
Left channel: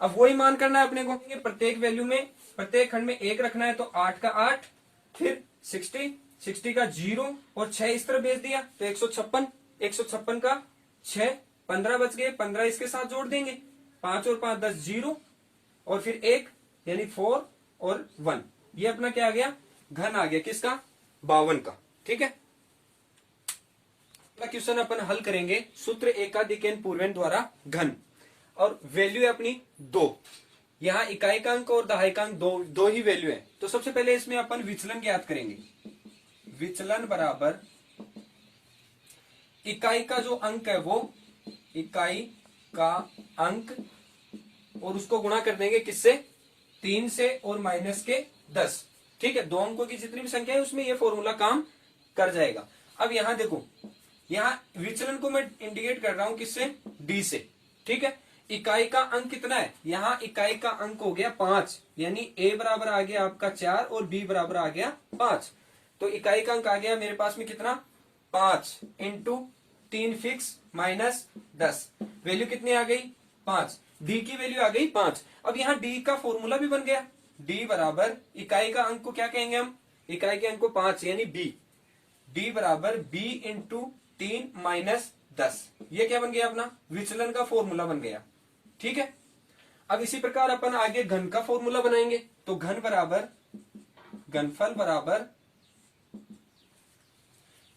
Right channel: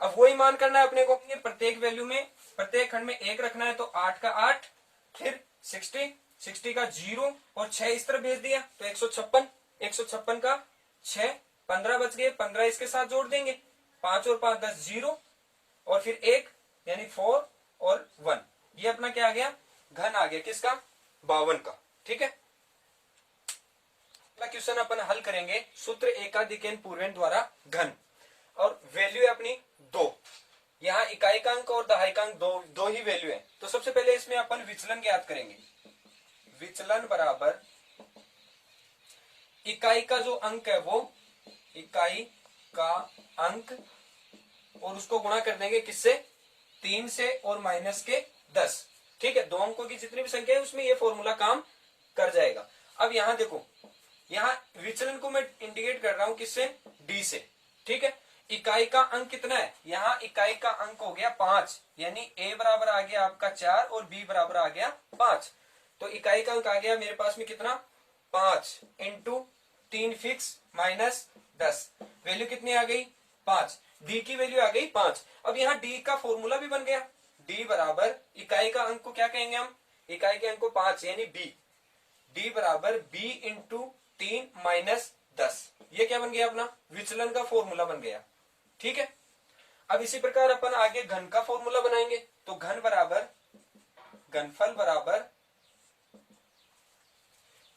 अब वही मान करना है अपने को, प्रत्येक वैल्यू में प्रत्येक खंड में 1 रखना है तो 8 का 8, फिर 60, 60 का 0 और 6 इस तरह भेज दिया तो 156, 156 का 6, 15 बच गए, 15 इसके साथ जोड़ देंगे, 5 और 5 10 0 और फिर 1 यानी 4 और 1, ये अपना क्या आ गया घन आ गया किसका 52 का। ठीक है, क्वेश्चन अपन हल करेंगे सूत्र एकाधिकन पूर्वेन द्वारा घन, और वैल्यू है अपनी 2, यहाँ इकाई का अंक और दहाई का अंक दो ही वैल्यू है। तो सबसे पहले इसमें अपन विचलन ज्ञात करेंगे, विचलन बराबर इकाई का जो अंक है वो इकाई का अंक और उसको गुणा कर देंगे किससे 3 से और माइनस के 10। ठीक है, 2 अंकों की जितनी भी संख्या है उसमें ये फॉर्मूला काम कर जाएगा। अब यहां देखो, यहाँ विचलन को मैं इंडिकेट कर रहा हूं किससे डी से। ठीक है, इकाई का अंक कितना है, यहाँ इकाई का अंक हो गया 5, यानी a बराबर आ गया आपका 4 और b बराबर आ गया 5, तो इकाई का अंक आ गया मेरे पास में कितना 5 इंटू 3 फिक्स माइनस 10, वैल्यू कितनी आ गई 5। डी की वैल्यू आ गई 5। अब यहाँ डी का फॉर्मूला भी बन गया, डी बराबर इकाई का अंक को क्या कहेंगे हम, इकाई के अंक को 5 यानी बी, डी बराबर बी इंटू 3-10। ये क्या बन गया अपना विचलन का फॉर्मूला बन गया। ठीक है, अब इसी प्रकार अपन आगे घन का फॉर्मूला बनाएंगे। तो घन बराबर घनफल बराबर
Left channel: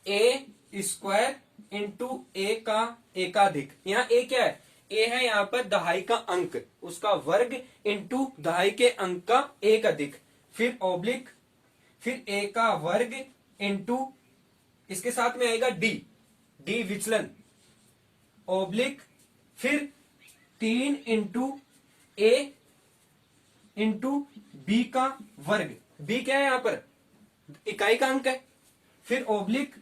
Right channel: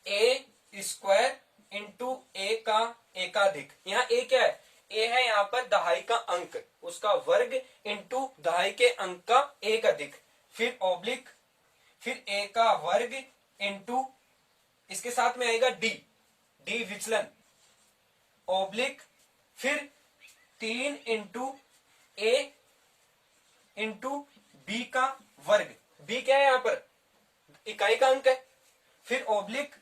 ए स्क्वायर इंटू ए का एकाधिक। यहाँ ए क्या है, ए है यहाँ पर दहाई का अंक, उसका वर्ग इंटू दहाई के अंक का एक अधिक, फिर ऑब्लिक, फिर ए का वर्ग इंटू इसके साथ में आएगा डी, डी विचलन, ऑब्लिक, फिर 3 इंटू ए इंटू बी का वर्ग, बी क्या है यहाँ पर इकाई का अंक है, फिर ऑब्लिक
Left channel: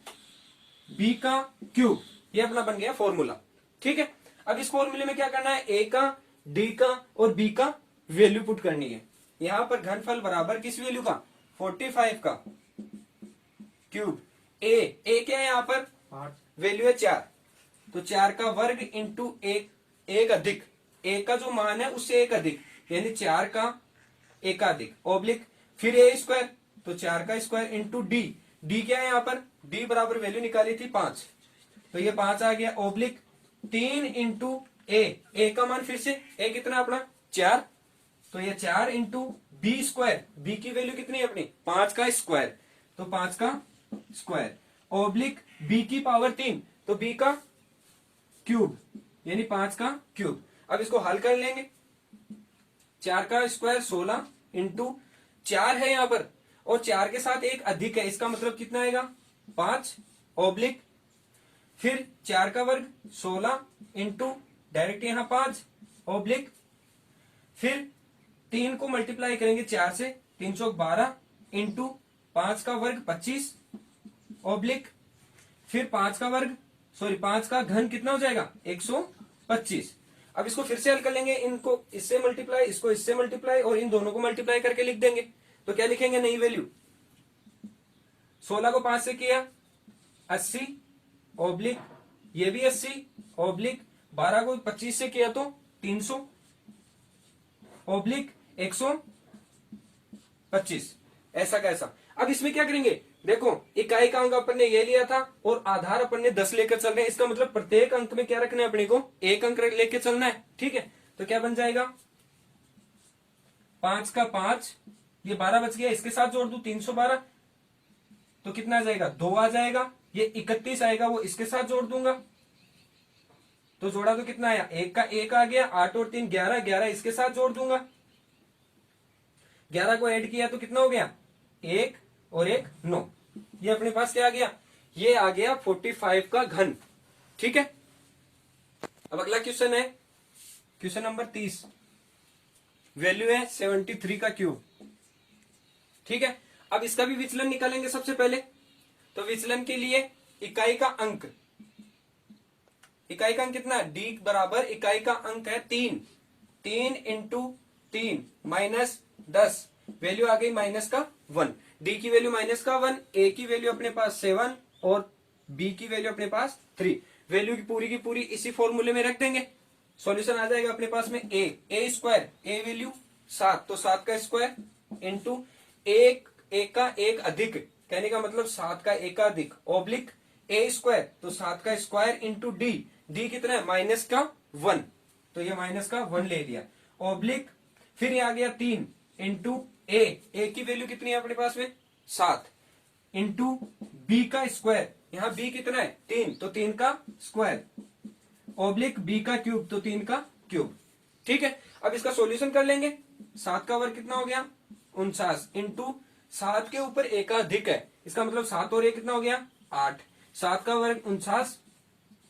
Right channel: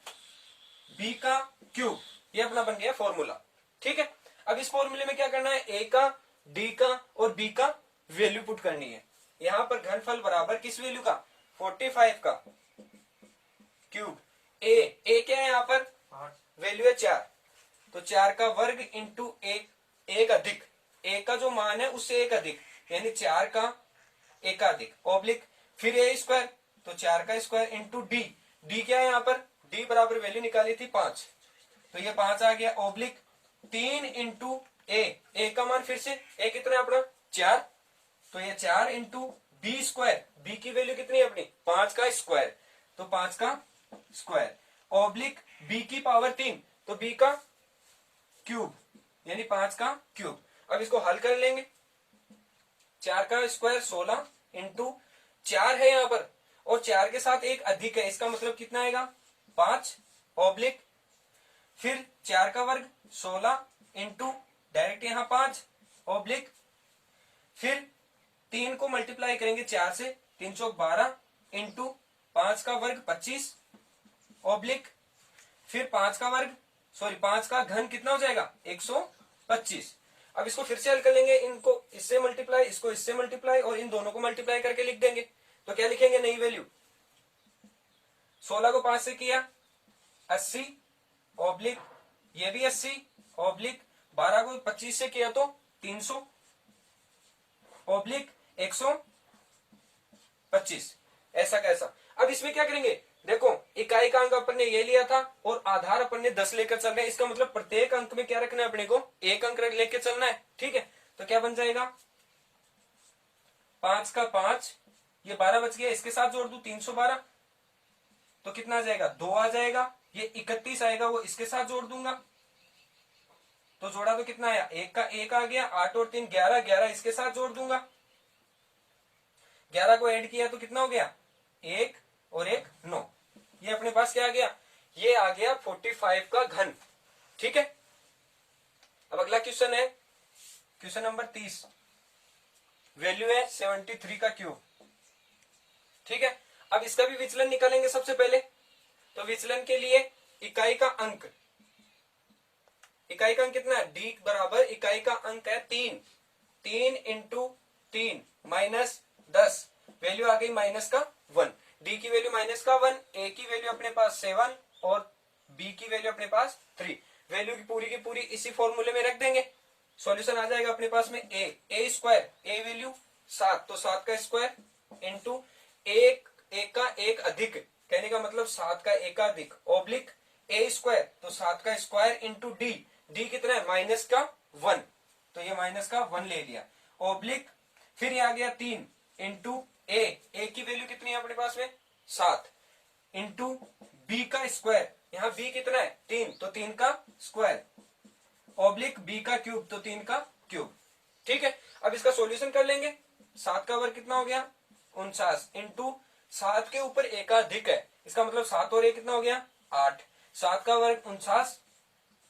बी का क्यूब। ये अपना बन गया फॉर्मूला। ठीक है, अब इस फॉर्मूले में क्या करना है, ए का, डी का और बी का वैल्यू पुट करनी है। यहां पर घनफल बराबर किस वैल्यू का, 45 का क्यूब, ए क्या है यहाँ पर वैल्यू है 4, तो 4 का वर्ग इंटू एक अधिक, ए का जो मान है उससे एक अधिक यानी 4 का एकाधिक, ऑब्लिक, फिर ए स्क्वायर, तो 4 का स्क्वायर इंटू डी, डी क्या है यहाँ पर, डी बराबर वैल्यू निकाली थी 5, तो ये 5 आ गया, ऑब्लिक 3 इंटू ए का मान फिर से ए कितना है अपना 4, तो ये 4 इंटू बी स्क्वायर, बी की वैल्यू कितनी है अपनी 5 का स्क्वायर, तो 5 का स्क्वायर, ऑब्लिक बी की पावर 3, तो बी का क्यूब यानी 5 का क्यूब। अब इसको हल कर लेंगे, 4 का स्क्वायर 16 इंटू 4 है यहां पर और 4 के साथ एक अधिक है, इसका मतलब कितना आएगा 5, ऑब्लिक, फिर 4 का वर्ग 16 इंटू डायरेक्ट यहां 5, ऑब्लिक, फिर 3 को मल्टीप्लाई करेंगे 4 से, 3 चौक 12 इंटू 5 का वर्ग 25, ऑब्लिक, फिर 5 का वर्ग 5 का घन कितना हो जाएगा 125। अब इसको फिर से हल कर लेंगे, इनको इससे मल्टीप्लाई, इसको इससे मल्टीप्लाई और इन दोनों को मल्टीप्लाई करके लिख देंगे। तो क्या लिखेंगे नई वैल्यू, 16 को 5 से किया 80, ऑब्लिक ये भी 80, ऑब्लिक 12 को 25 से किया तो 300, ऑब्लिक 125। ऐसा कैसा, अब इसमें क्या करेंगे, देखो इकाई का अंक अपन ने ये लिया था और आधार अपन ने 10 लेकर चल रहे हैं, इसका मतलब प्रत्येक अंक में क्या रखना है अपने को, एक अंक लेकर चलना है। ठीक है, तो क्या बन जाएगा 5 का 5, ये 12 बच गया, इसके साथ जोड़ दू 312, तो कितना आ जाएगा 2 आ जाएगा, ये 31 आएगा वो इसके साथ जोड़ दूंगा, तो जोड़ा तो कितना आया, 1 का 1 आ गया, 8 और 3 11, 11 इसके साथ जोड़ दूंगा, 11 को ऐड किया तो कितना हो गया 1 और 1 9, ये अपने पास क्या आ गया, ये आ गया 45 का घन। ठीक है, अब अगला क्वेश्चन है क्वेश्चन नंबर 30, वैल्यू है 73 का क्यूब। ठीक है, अब इसका भी विचलन निकालेंगे सबसे पहले। तो विचलन के लिए इकाई का अंक, इकाई का अंक कितना है, डी बराबर इकाई का अंक है 3, 3 इंटू 3 माइनस 10, वैल्यू आ गई माइनस का 1, डी की वैल्यू माइनस का 1, ए की वैल्यू अपने पास 7 और बी की वैल्यू अपने पास 3, वैल्यू की पूरी इसी फॉर्मूले में रख देंगे, सॉल्यूशन आ जाएगा अपने पास में ए स्क्वायर, ए वैल्यू 7, तो 7 का स्क्वायर इंटू एक का एक अधिक, कहने का मतलब 7 का एकाधिक, ऑब्लिक ए स्क्वायर, तो 7 का स्क्वायर इंटू डी, डी कितना है माइनस का 1, तो ये माइनस का 1 ले लिया, ऑब्लिक, फिर ये आ गया 3 इंटू ए की वैल्यू कितनी है अपने पास में 7 इंटू बी का स्क्वायर, यहां बी कितना है 3, तो 3 का स्क्वायर, ऑब्लिक बी का क्यूब, तो 3 का क्यूब। ठीक है, अब इसका सॉल्यूशन कर लेंगे, 7 का वर्ग कितना हो गया 49 इंटू 7 के ऊपर एक अधिक है, इसका मतलब 7 और 1 कितना हो गया 8, 7 का वर्ग 49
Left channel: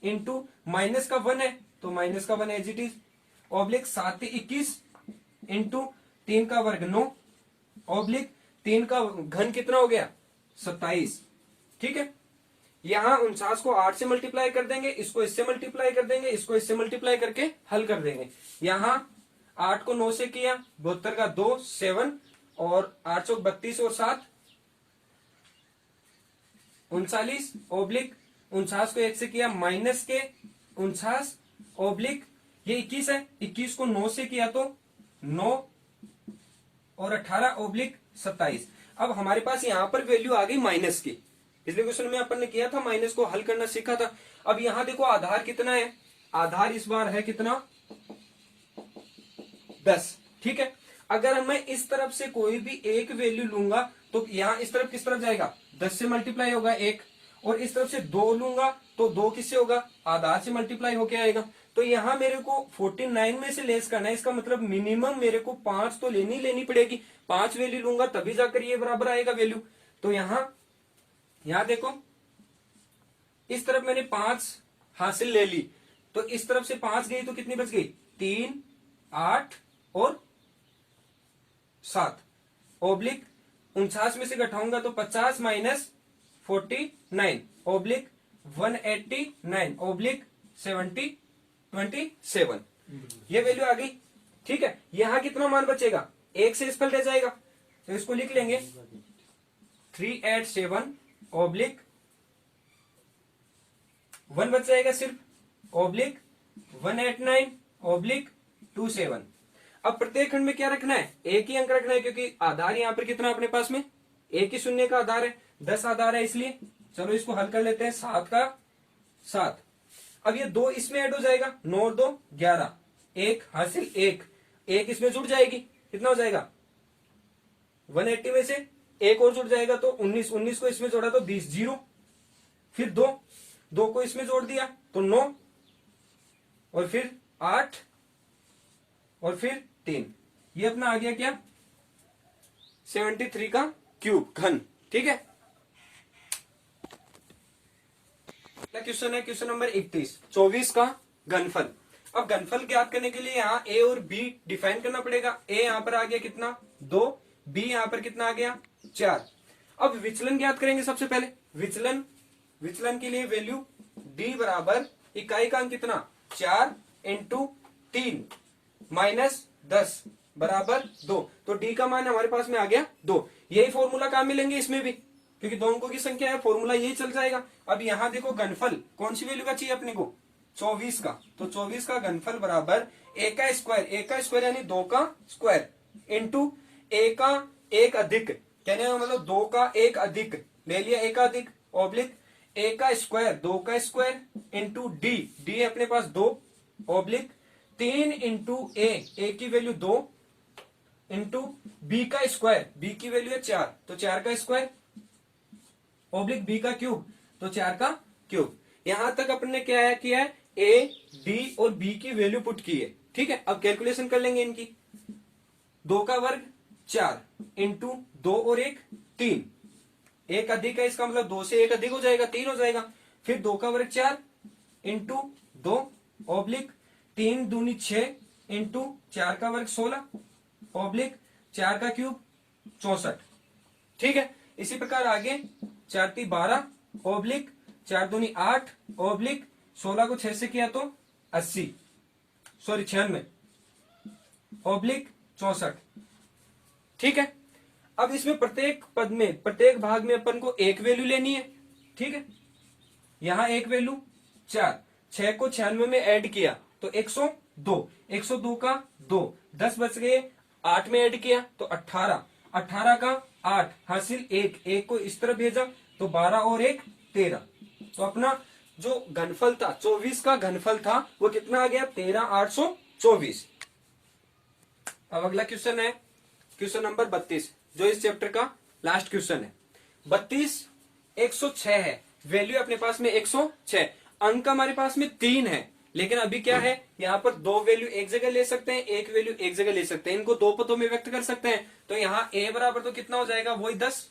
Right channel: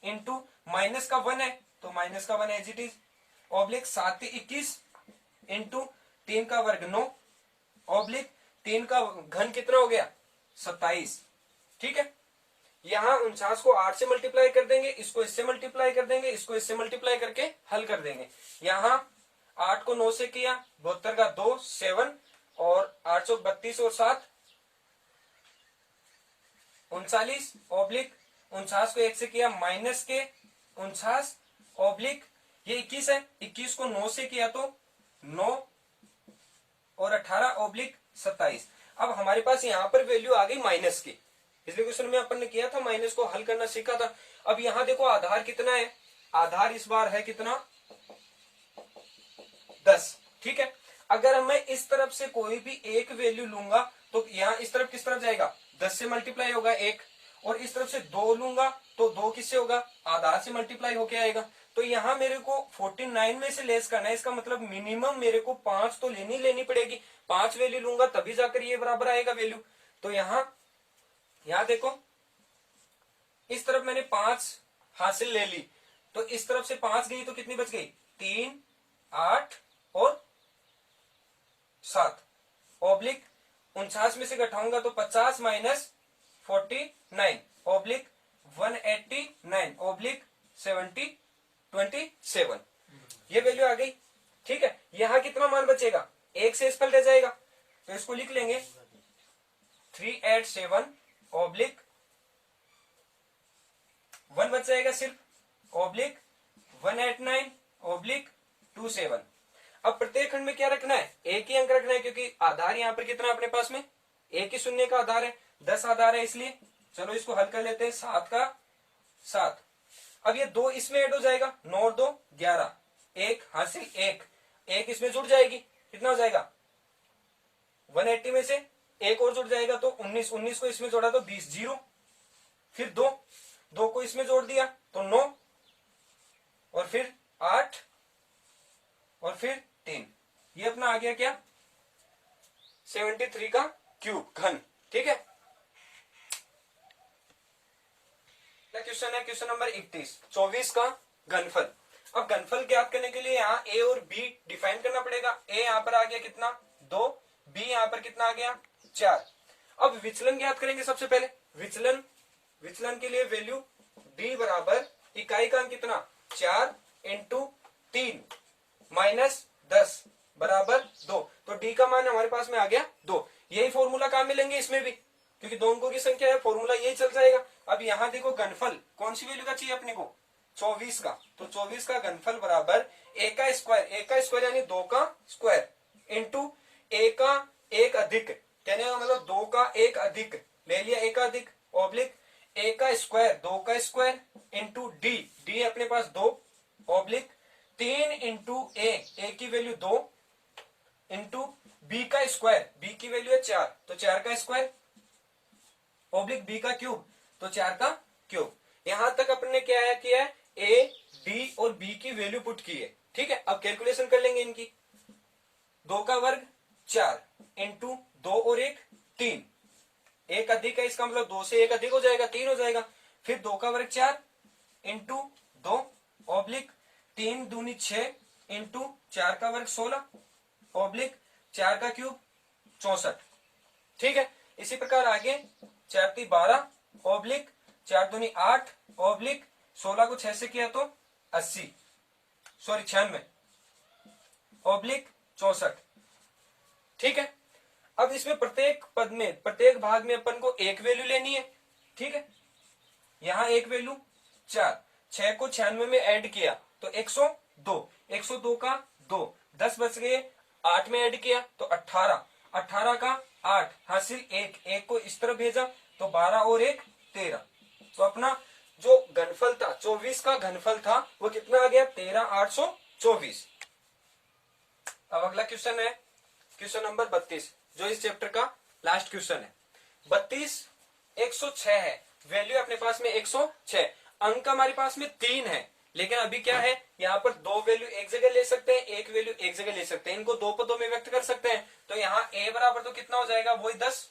इंटू माइनस का 1 है, तो माइनस का 1 एज इट इज, ऑब्लिक 7 के 21 इंटू 3 का वर्ग 9, ऑब्लिक 3 का घन कितना हो गया 27। ठीक है, यहां 49 को 8 से मल्टीप्लाई कर देंगे, इसको इससे मल्टीप्लाई कर देंगे, इसको इससे मल्टीप्लाई करके हल कर देंगे। यहां 8 को 9 से किया 72 का 2 7 और 832 और 7 39, ऑब्लिक 49 को 1 से किया माइनस के 49, ऑब्लिक ये 21 है, 21 को 9 से किया तो 9 और 18/27। अब हमारे पास यहां पर वैल्यू आ गई माइनस की। पिछले क्वेश्चन में अपन ने किया था, माइनस को हल करना सीखा था। अब यहां देखो आधार कितना है, आधार इस बार है कितना 10। ठीक है, अगर मैं इस तरफ से कोई भी एक वैल्यू लूंगा तो यहां इस तरफ किस तरफ जाएगा, 10 से मल्टीप्लाई होगा एक, और इस तरफ से 2 लूंगा तो 2 किससे होगा, आधार से मल्टीप्लाई होके आएगा। तो यहां मेरे को 49 में से लेस करना है, इसका मतलब मिनिमम मेरे को 5 तो लेनी पड़ेगी। 5 वैल्यू लूंगा तभी जाकर ये बराबर आएगा वैल्यू। तो यहां देखो इस तरफ मैंने 5 हासिल ले ली, तो इस तरफ से 5 गई तो कितनी बच गई, 3, 8 और 7। ओब्लिक 49 में से घटाऊंगा तो 50 माइनस 49 ओब्लिक 189 ओब्लिक 27। ये वैल्यू आ गई। ठीक है, यहां कितना मान बचेगा, एक से स्पेल रह जाएगा, तो इसको लिख लेंगे 387 ओब्लिक 1 बच जाएगा सिर्फ ओब्लिक 189 ओब्लिक 27। अब प्रत्येक खंड में क्या रखना है, एक ही अंक रखना है, क्योंकि आधार यहां पर कितना अपने पास में, एक ही शून्य का आधार है, 10 आधार है, इसलिए चलो इसको हल कर लेते हैं। 7 का 7, अब ये 2 इसमें ऐड हो जाएगा, 9 और 2 11, एक हासिल एक इसमें जुड़ जाएगी, कितना हो जाएगा 180 में से एक और जुड़ जाएगा तो 19 को इसमें जोड़ा तो 20 जीरो, फिर 2 को इसमें जोड़ दिया तो 9 और फिर 8 और फिर 3। ये अपना आ गया क्या 73 का क्यूब घन। ठीक है, क्वेश्चन है क्वेश्चन नंबर 31, 24 का घनफल। अब घनफल ज्ञात करने के लिए यहाँ ए और बी डिफाइन करना पड़ेगा। ए यहाँ पर आ गया कितना 2, बी यहाँ पर कितना आ गया 4। अब विचलन ज्ञात करेंगे सबसे पहले। विचलन के लिए वैल्यू बी बराबर इकाई का अंक कितना 4 इंटू 3 माइनस 10 बराबर 2। तो डी का मान हमारे पास में आ गया 2। यही फॉर्मूला काम मिलेंगे इसमें भी, क्योंकि दो अंकों की संख्या है, फॉर्मूला यही चल जाएगा। अब यहां देखो घनफल कौन सी वैल्यू का चाहिए अपने को 24 का, तो 24 का घनफल बराबर ए का स्क्वायर यानी 2 का स्क्वायर इंटू ए का एक अधिक, कहने का मतलब 2 का एक अधिक ले लिया, ए का अधिक ऑब्लिक ए का स्क्वायर 2 का स्क्वायर इंटू डी अपने पास 2 ऑब्लिक 3 इंटू ए की वैल्यू 2 इंटू बी का स्क्वायर, बी की वैल्यू है 4 तो 4 का स्क्वायर ओब्लिक बी का क्यूब तो 4 का क्यूब। यहां तक अपन ने क्या किया है ए डी और बी की वैल्यू पुट की है। ठीक है, अब कैलकुलेशन कर लेंगे इनकी। 2 का वर्ग 4 इंटू 2 और 1 3, एक अधिक है, इसका मतलब 2 से 1 अधिक हो जाएगा 3 हो जाएगा। फिर 2 का वर्ग 4 इंटू 2 ऑब्लिक 3 दूनी 6 इंटू 4 का वर्ग 16 ऑब्लिक 4 का क्यूब 64। ठीक है, इसी प्रकार आगे 4 × 12 ऑब्लिक 4 दूनी 8 ऑब्लिक 16 को 6 से किया तो 80 सॉरी 96 ऑब्लिक 64। ठीक है, अब इसमें प्रत्येक पद में प्रत्येक भाग में अपन को एक वैल्यू लेनी है। ठीक है, यहां एक वैल्यू 4, 6 को 96 में ऐड किया तो 102, 102 का 2 10 बच गए, 8 में ऐड किया तो 18, 18 का 8 हासिल एक को इस तरफ भेजा तो 12 और 1 13। तो अपना जो घनफल था 24 का घनफल था वो कितना आ गया 13824। अब अगला क्वेश्चन है क्वेश्चन नंबर 32, जो इस चैप्टर का लास्ट क्वेश्चन है। 32 106 है, वैल्यू अपने पास में 106, अंक हमारे पास में 3 है, लेकिन अभी क्या है यहाँ पर 2 वैल्यू एक जगह ले सकते हैं, एक वैल्यू एक जगह ले सकते हैं, इनको 2 पदों में व्यक्त कर सकते हैं। तो यहाँ a बराबर तो कितना हो जाएगा वही 10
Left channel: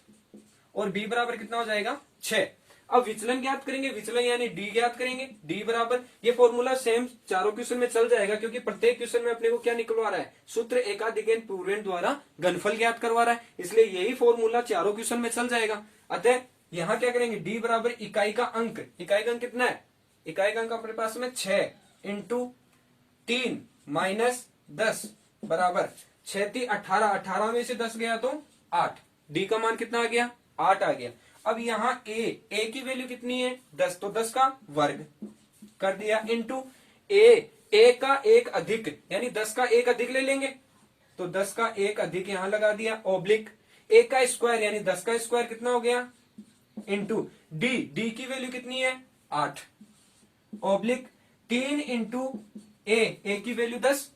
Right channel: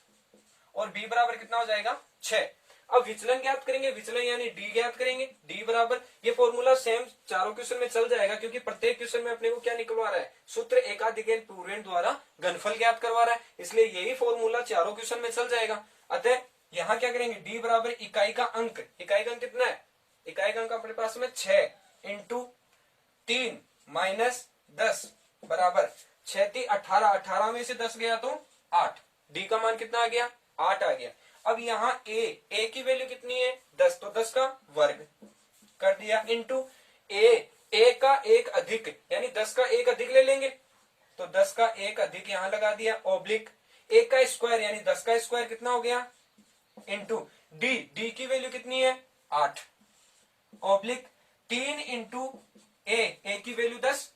और b बराबर कितना हो जाएगा 6। अब विचलन ज्ञात करेंगे, विचलन यानी डी ज्ञात करेंगे। डी बराबर, ये फॉर्मूला सेम चारों क्वेश्चन में चल जाएगा, क्योंकि प्रत्येक क्वेश्चन में अपने को क्या निकलवा रहा है सूत्र एकाधिक पूर्णांक द्वारा घनफल ज्ञात करवा रहा है, इसलिए यही फॉर्मूला चारों क्वेश्चन में चल जाएगा। अतः यहाँ क्या करेंगे डी बराबर इकाई का अंक, इकाई का अंक कितना है, इकाई का अंक अपने पास में 6 इंटू 3 माइनस 10 बराबर 6 × 18, 18 में से 10 गया तो 8, डी का मान कितना आ गया 8 आ गया। अब यहाँ ए की वैल्यू कितनी है 10, तो 10 का वर्ग कर दिया इंटू ए a का एक अधिक यानी 10 का एक अधिक ले लेंगे, तो 10 का एक अधिक यहां लगा दिया, ऑब्लिक a का स्क्वायर यानी 10 का स्क्वायर कितना हो गया, इंटू डी की वैल्यू कितनी है 8, ऑब्लिक 3 इंटू ए की वैल्यू 10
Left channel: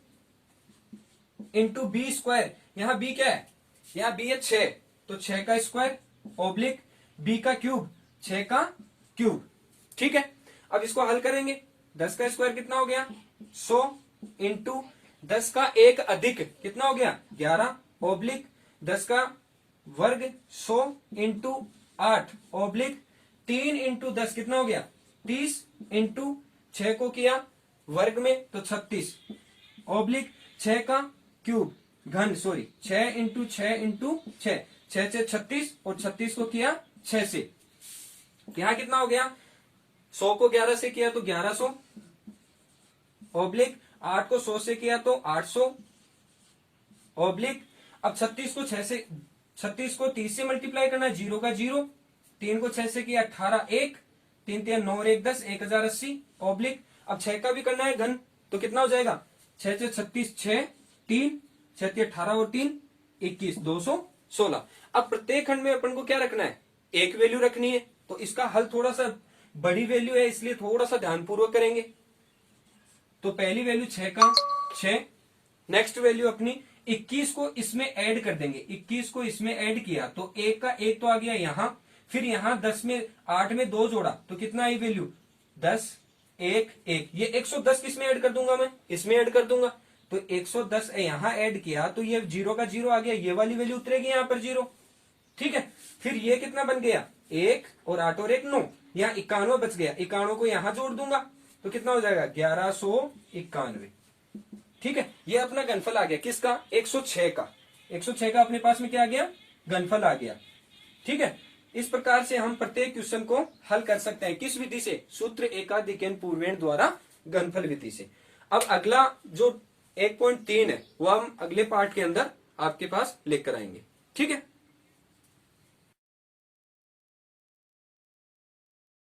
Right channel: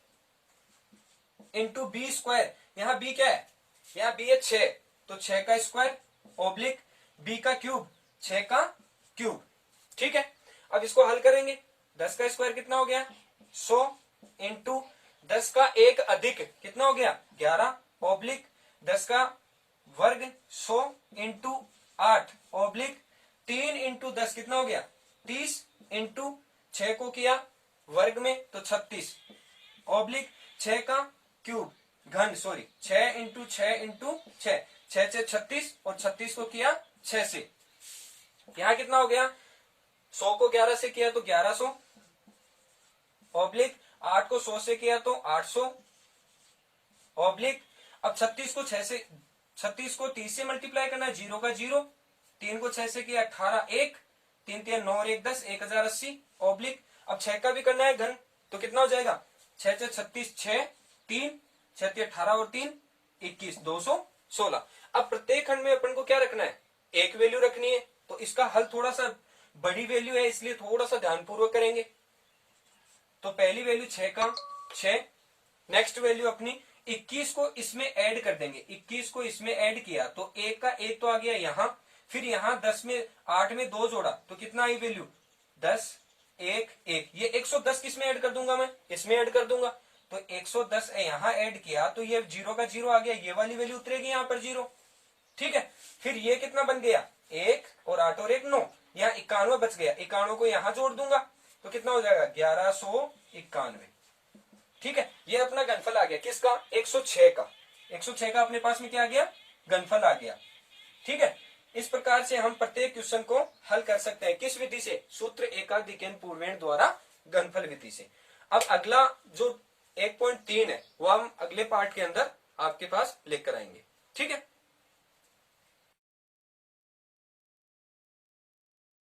इंटू बी स्क्वायर, यहां बी क्या है, यहां बी है 6, तो 6 का स्क्वायर ऑब्लिक बी का क्यूब 6 का क्यूब। ठीक है, अब इसको हल करेंगे, 10 का स्क्वायर कितना हो गया 100 इंटू 10 का एक अधिक कितना हो गया 11, ऑब्लिक 10 का वर्ग 100 इंटू 8, ऑब्लिक 3 इंटू 10 कितना हो गया 30, इंटू 6 को किया वर्ग में तो 36, ऑब्लिक 6 का क्यूब घन, सॉरी 6 इंटू 6 इंटू 6, 6 से 36 और 36 को किया 6 से, यहां कितना हो गया 100 को 11 से किया तो 1100, ऑब्लिक 8 को 100 से किया तो 800, ऑब्लिक अब 36 को 6 से 36 को 30 से मल्टीप्लाई करना है, 0 का 0, 3 को 6 से किया 18, 1 3 3 9 और 1 10, 1080, ऑब्लिक अब 6 का भी करना है घन तो कितना हो जाएगा 6 से 36 6 3 6 18 और 3 21 216। अब प्रत्येक खंड में अपन को क्या रखना है, एक वैल्यू रखनी है, तो इसका हल थोड़ा सा बड़ी वैल्यू है इसलिए थोड़ा सा ध्यानपूर्वक करेंगे। तो पहली वैल्यू 6 का 6, नेक्स्ट वैल्यू अपनी 21 को इसमें ऐड कर देंगे, 21 को इसमें ऐड किया तो एक का एक तो आ गया यहां, फिर यहां 10 में 8 में 2 जोड़ा तो कितना आई वैल्यू 10 1 1, ये 110 किसमें ऐड कर दूंगा मैं, इसमें ऐड कर दूंगा, तो 110 यहां ऐड किया तो ये 0 का 0 आ गया, ये वाली वैल्यू उतरेगी यहां पर 0। ठीक है, फिर ये कितना बन गया 1 और 8 और 1 9, यहाँ 91 बच गया, 91 को यहां जोड़ दूंगा तो कितना हो जाएगा 1191। ठीक है, ये अपना घनफल आ गया किसका 106 का, 106 का अपने पास में क्या आ गया घनफल आ गया। ठीक है, इस प्रकार से हम प्रत्येक क्वेश्चन को हल कर सकते हैं, किस विधि से, सूत्र एकाधिकन पूर्वेण द्वारा घनफल विधि से। अब अगला जो 1.3 है वो हम अगले पार्ट के अंदर आपके पास लेकर आएंगे। ठीक है।